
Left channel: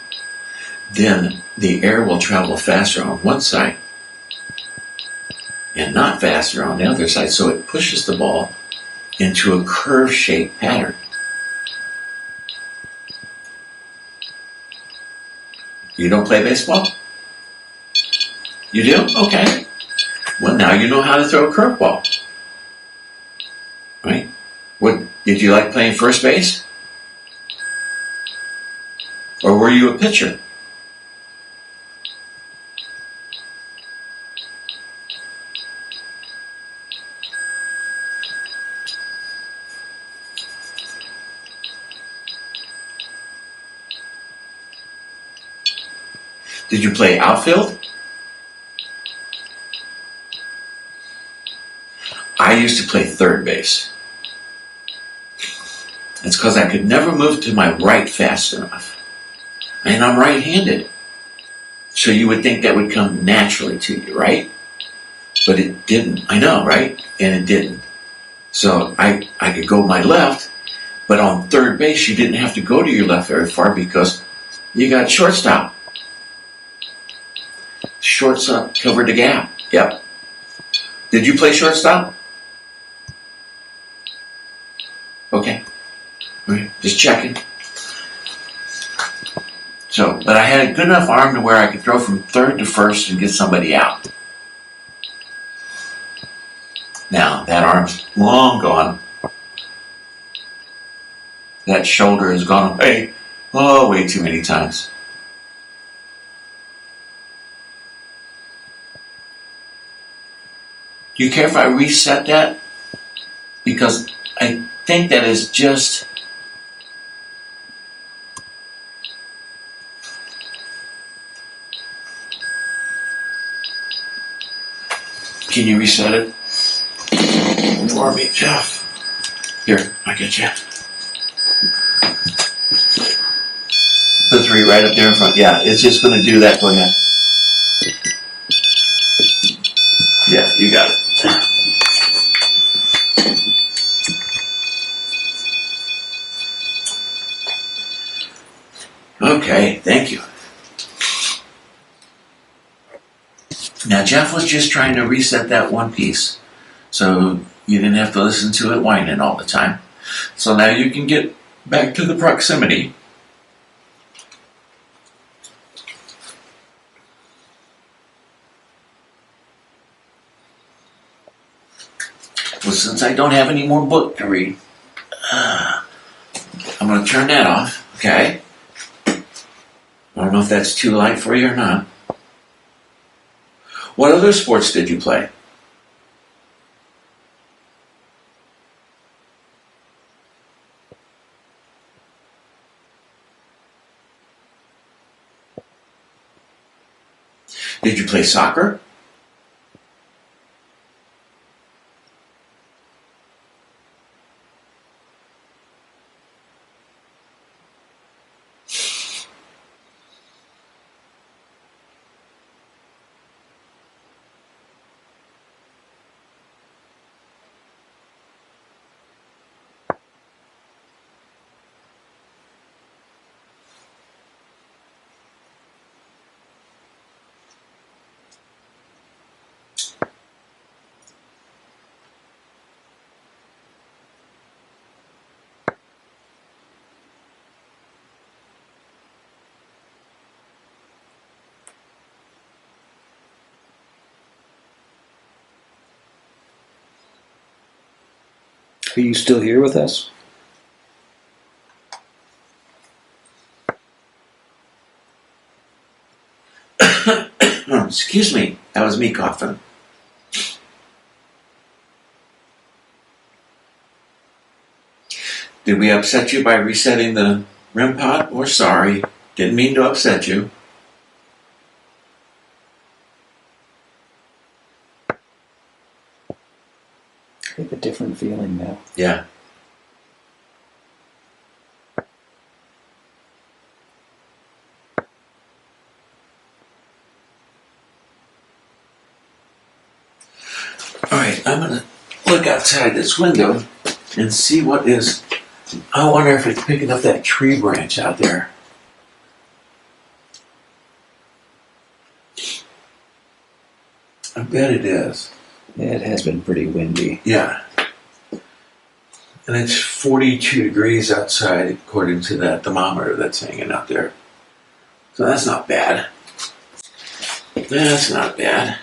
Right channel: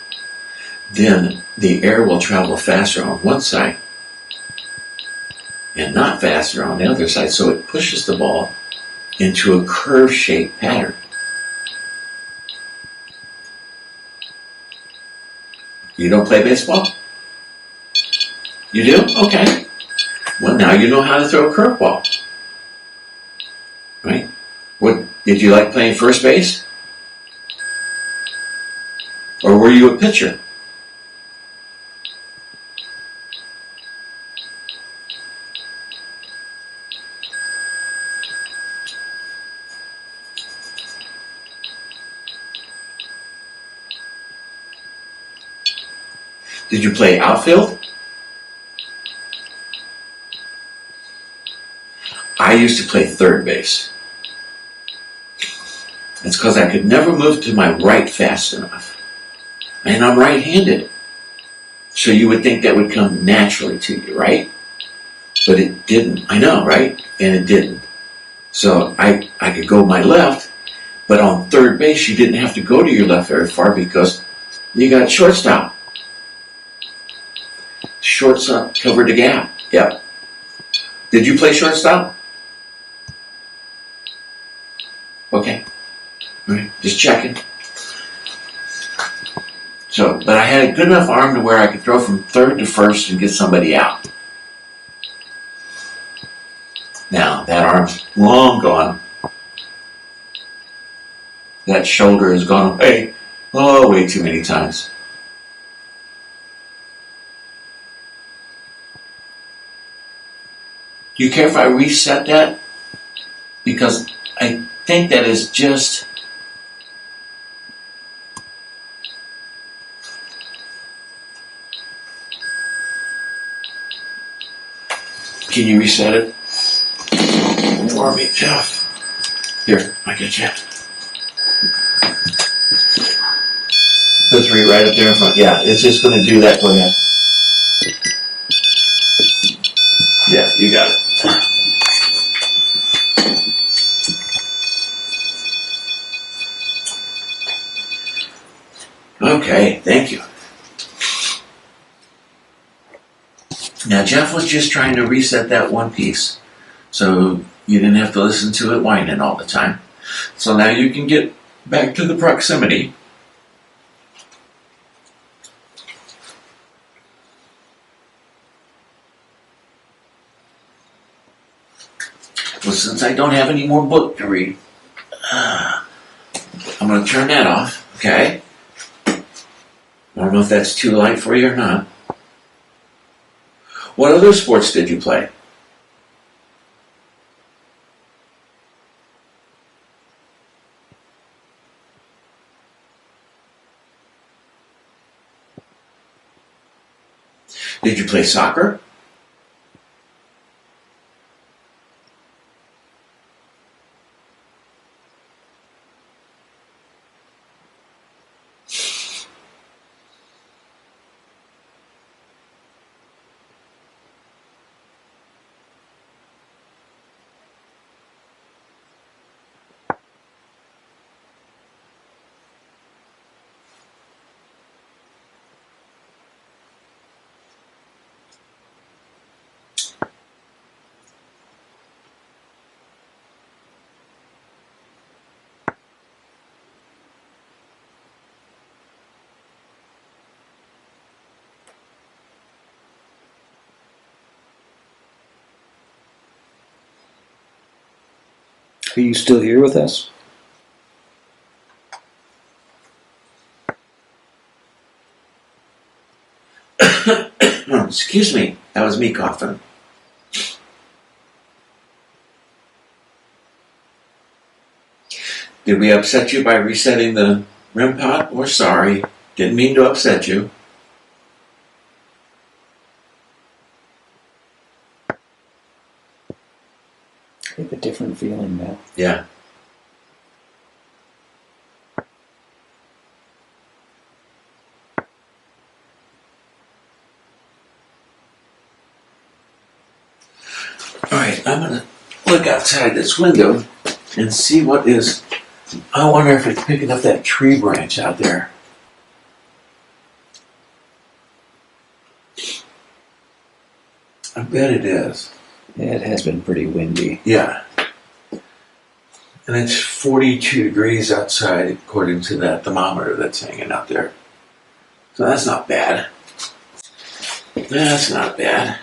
then the air will travel faster on one side and not faster on the other side. So it pushes the ball into a curve-shaped pattern. You don't play baseball? You do? Okay. Well, now you know how to throw a curveball. Right? What, did you like playing first base? Or were you a pitcher? Did you play outfield? I used to play third base. It's because I could never move to my right fast enough. And I'm right-handed. So you would think that would come naturally to you, right? But it didn't. I know, right? And it didn't. So I could go my left, but on third base you didn't have to go to your left very far because you got shortstop. Shortstop covered the gap. Yep. Did you play shortstop? Okay. All right. Just checking. So, but I had a good enough arm to where I could throw from third to first and get somebody out. Now, that arm's long gone. That shoulder has gone away, way too many times. Do you care if I reset that? Because I think that is just... Can you reset it for me, Jeff? Here, I get you. The 3 right up there in front. Yeah, it's just going to do that. Go ahead. Yeah, you got it. Okay, thank you. Now, Jeff was just trying to reset that one piece, so you didn't have to listen to it whining all the time. So now you can get back to the proximity. Well, since I don't have any more book to read, I'm going to turn that off, okay? I don't know if that's too light for you or not. What other sports did you play? Did you play soccer? Are you still here with us? Excuse me, that was me coughing. Did we upset you by resetting the REM pod? We're sorry. Didn't mean to upset you. I have a different feeling now. Yeah. All right, I'm going to look outside this window and see what is. I wonder if it's picking up that tree branch out there. I bet it is. Yeah, it has been pretty windy. Yeah. And it's 42 degrees outside according to that thermometer that's hanging out there. So that's not bad. That's not bad.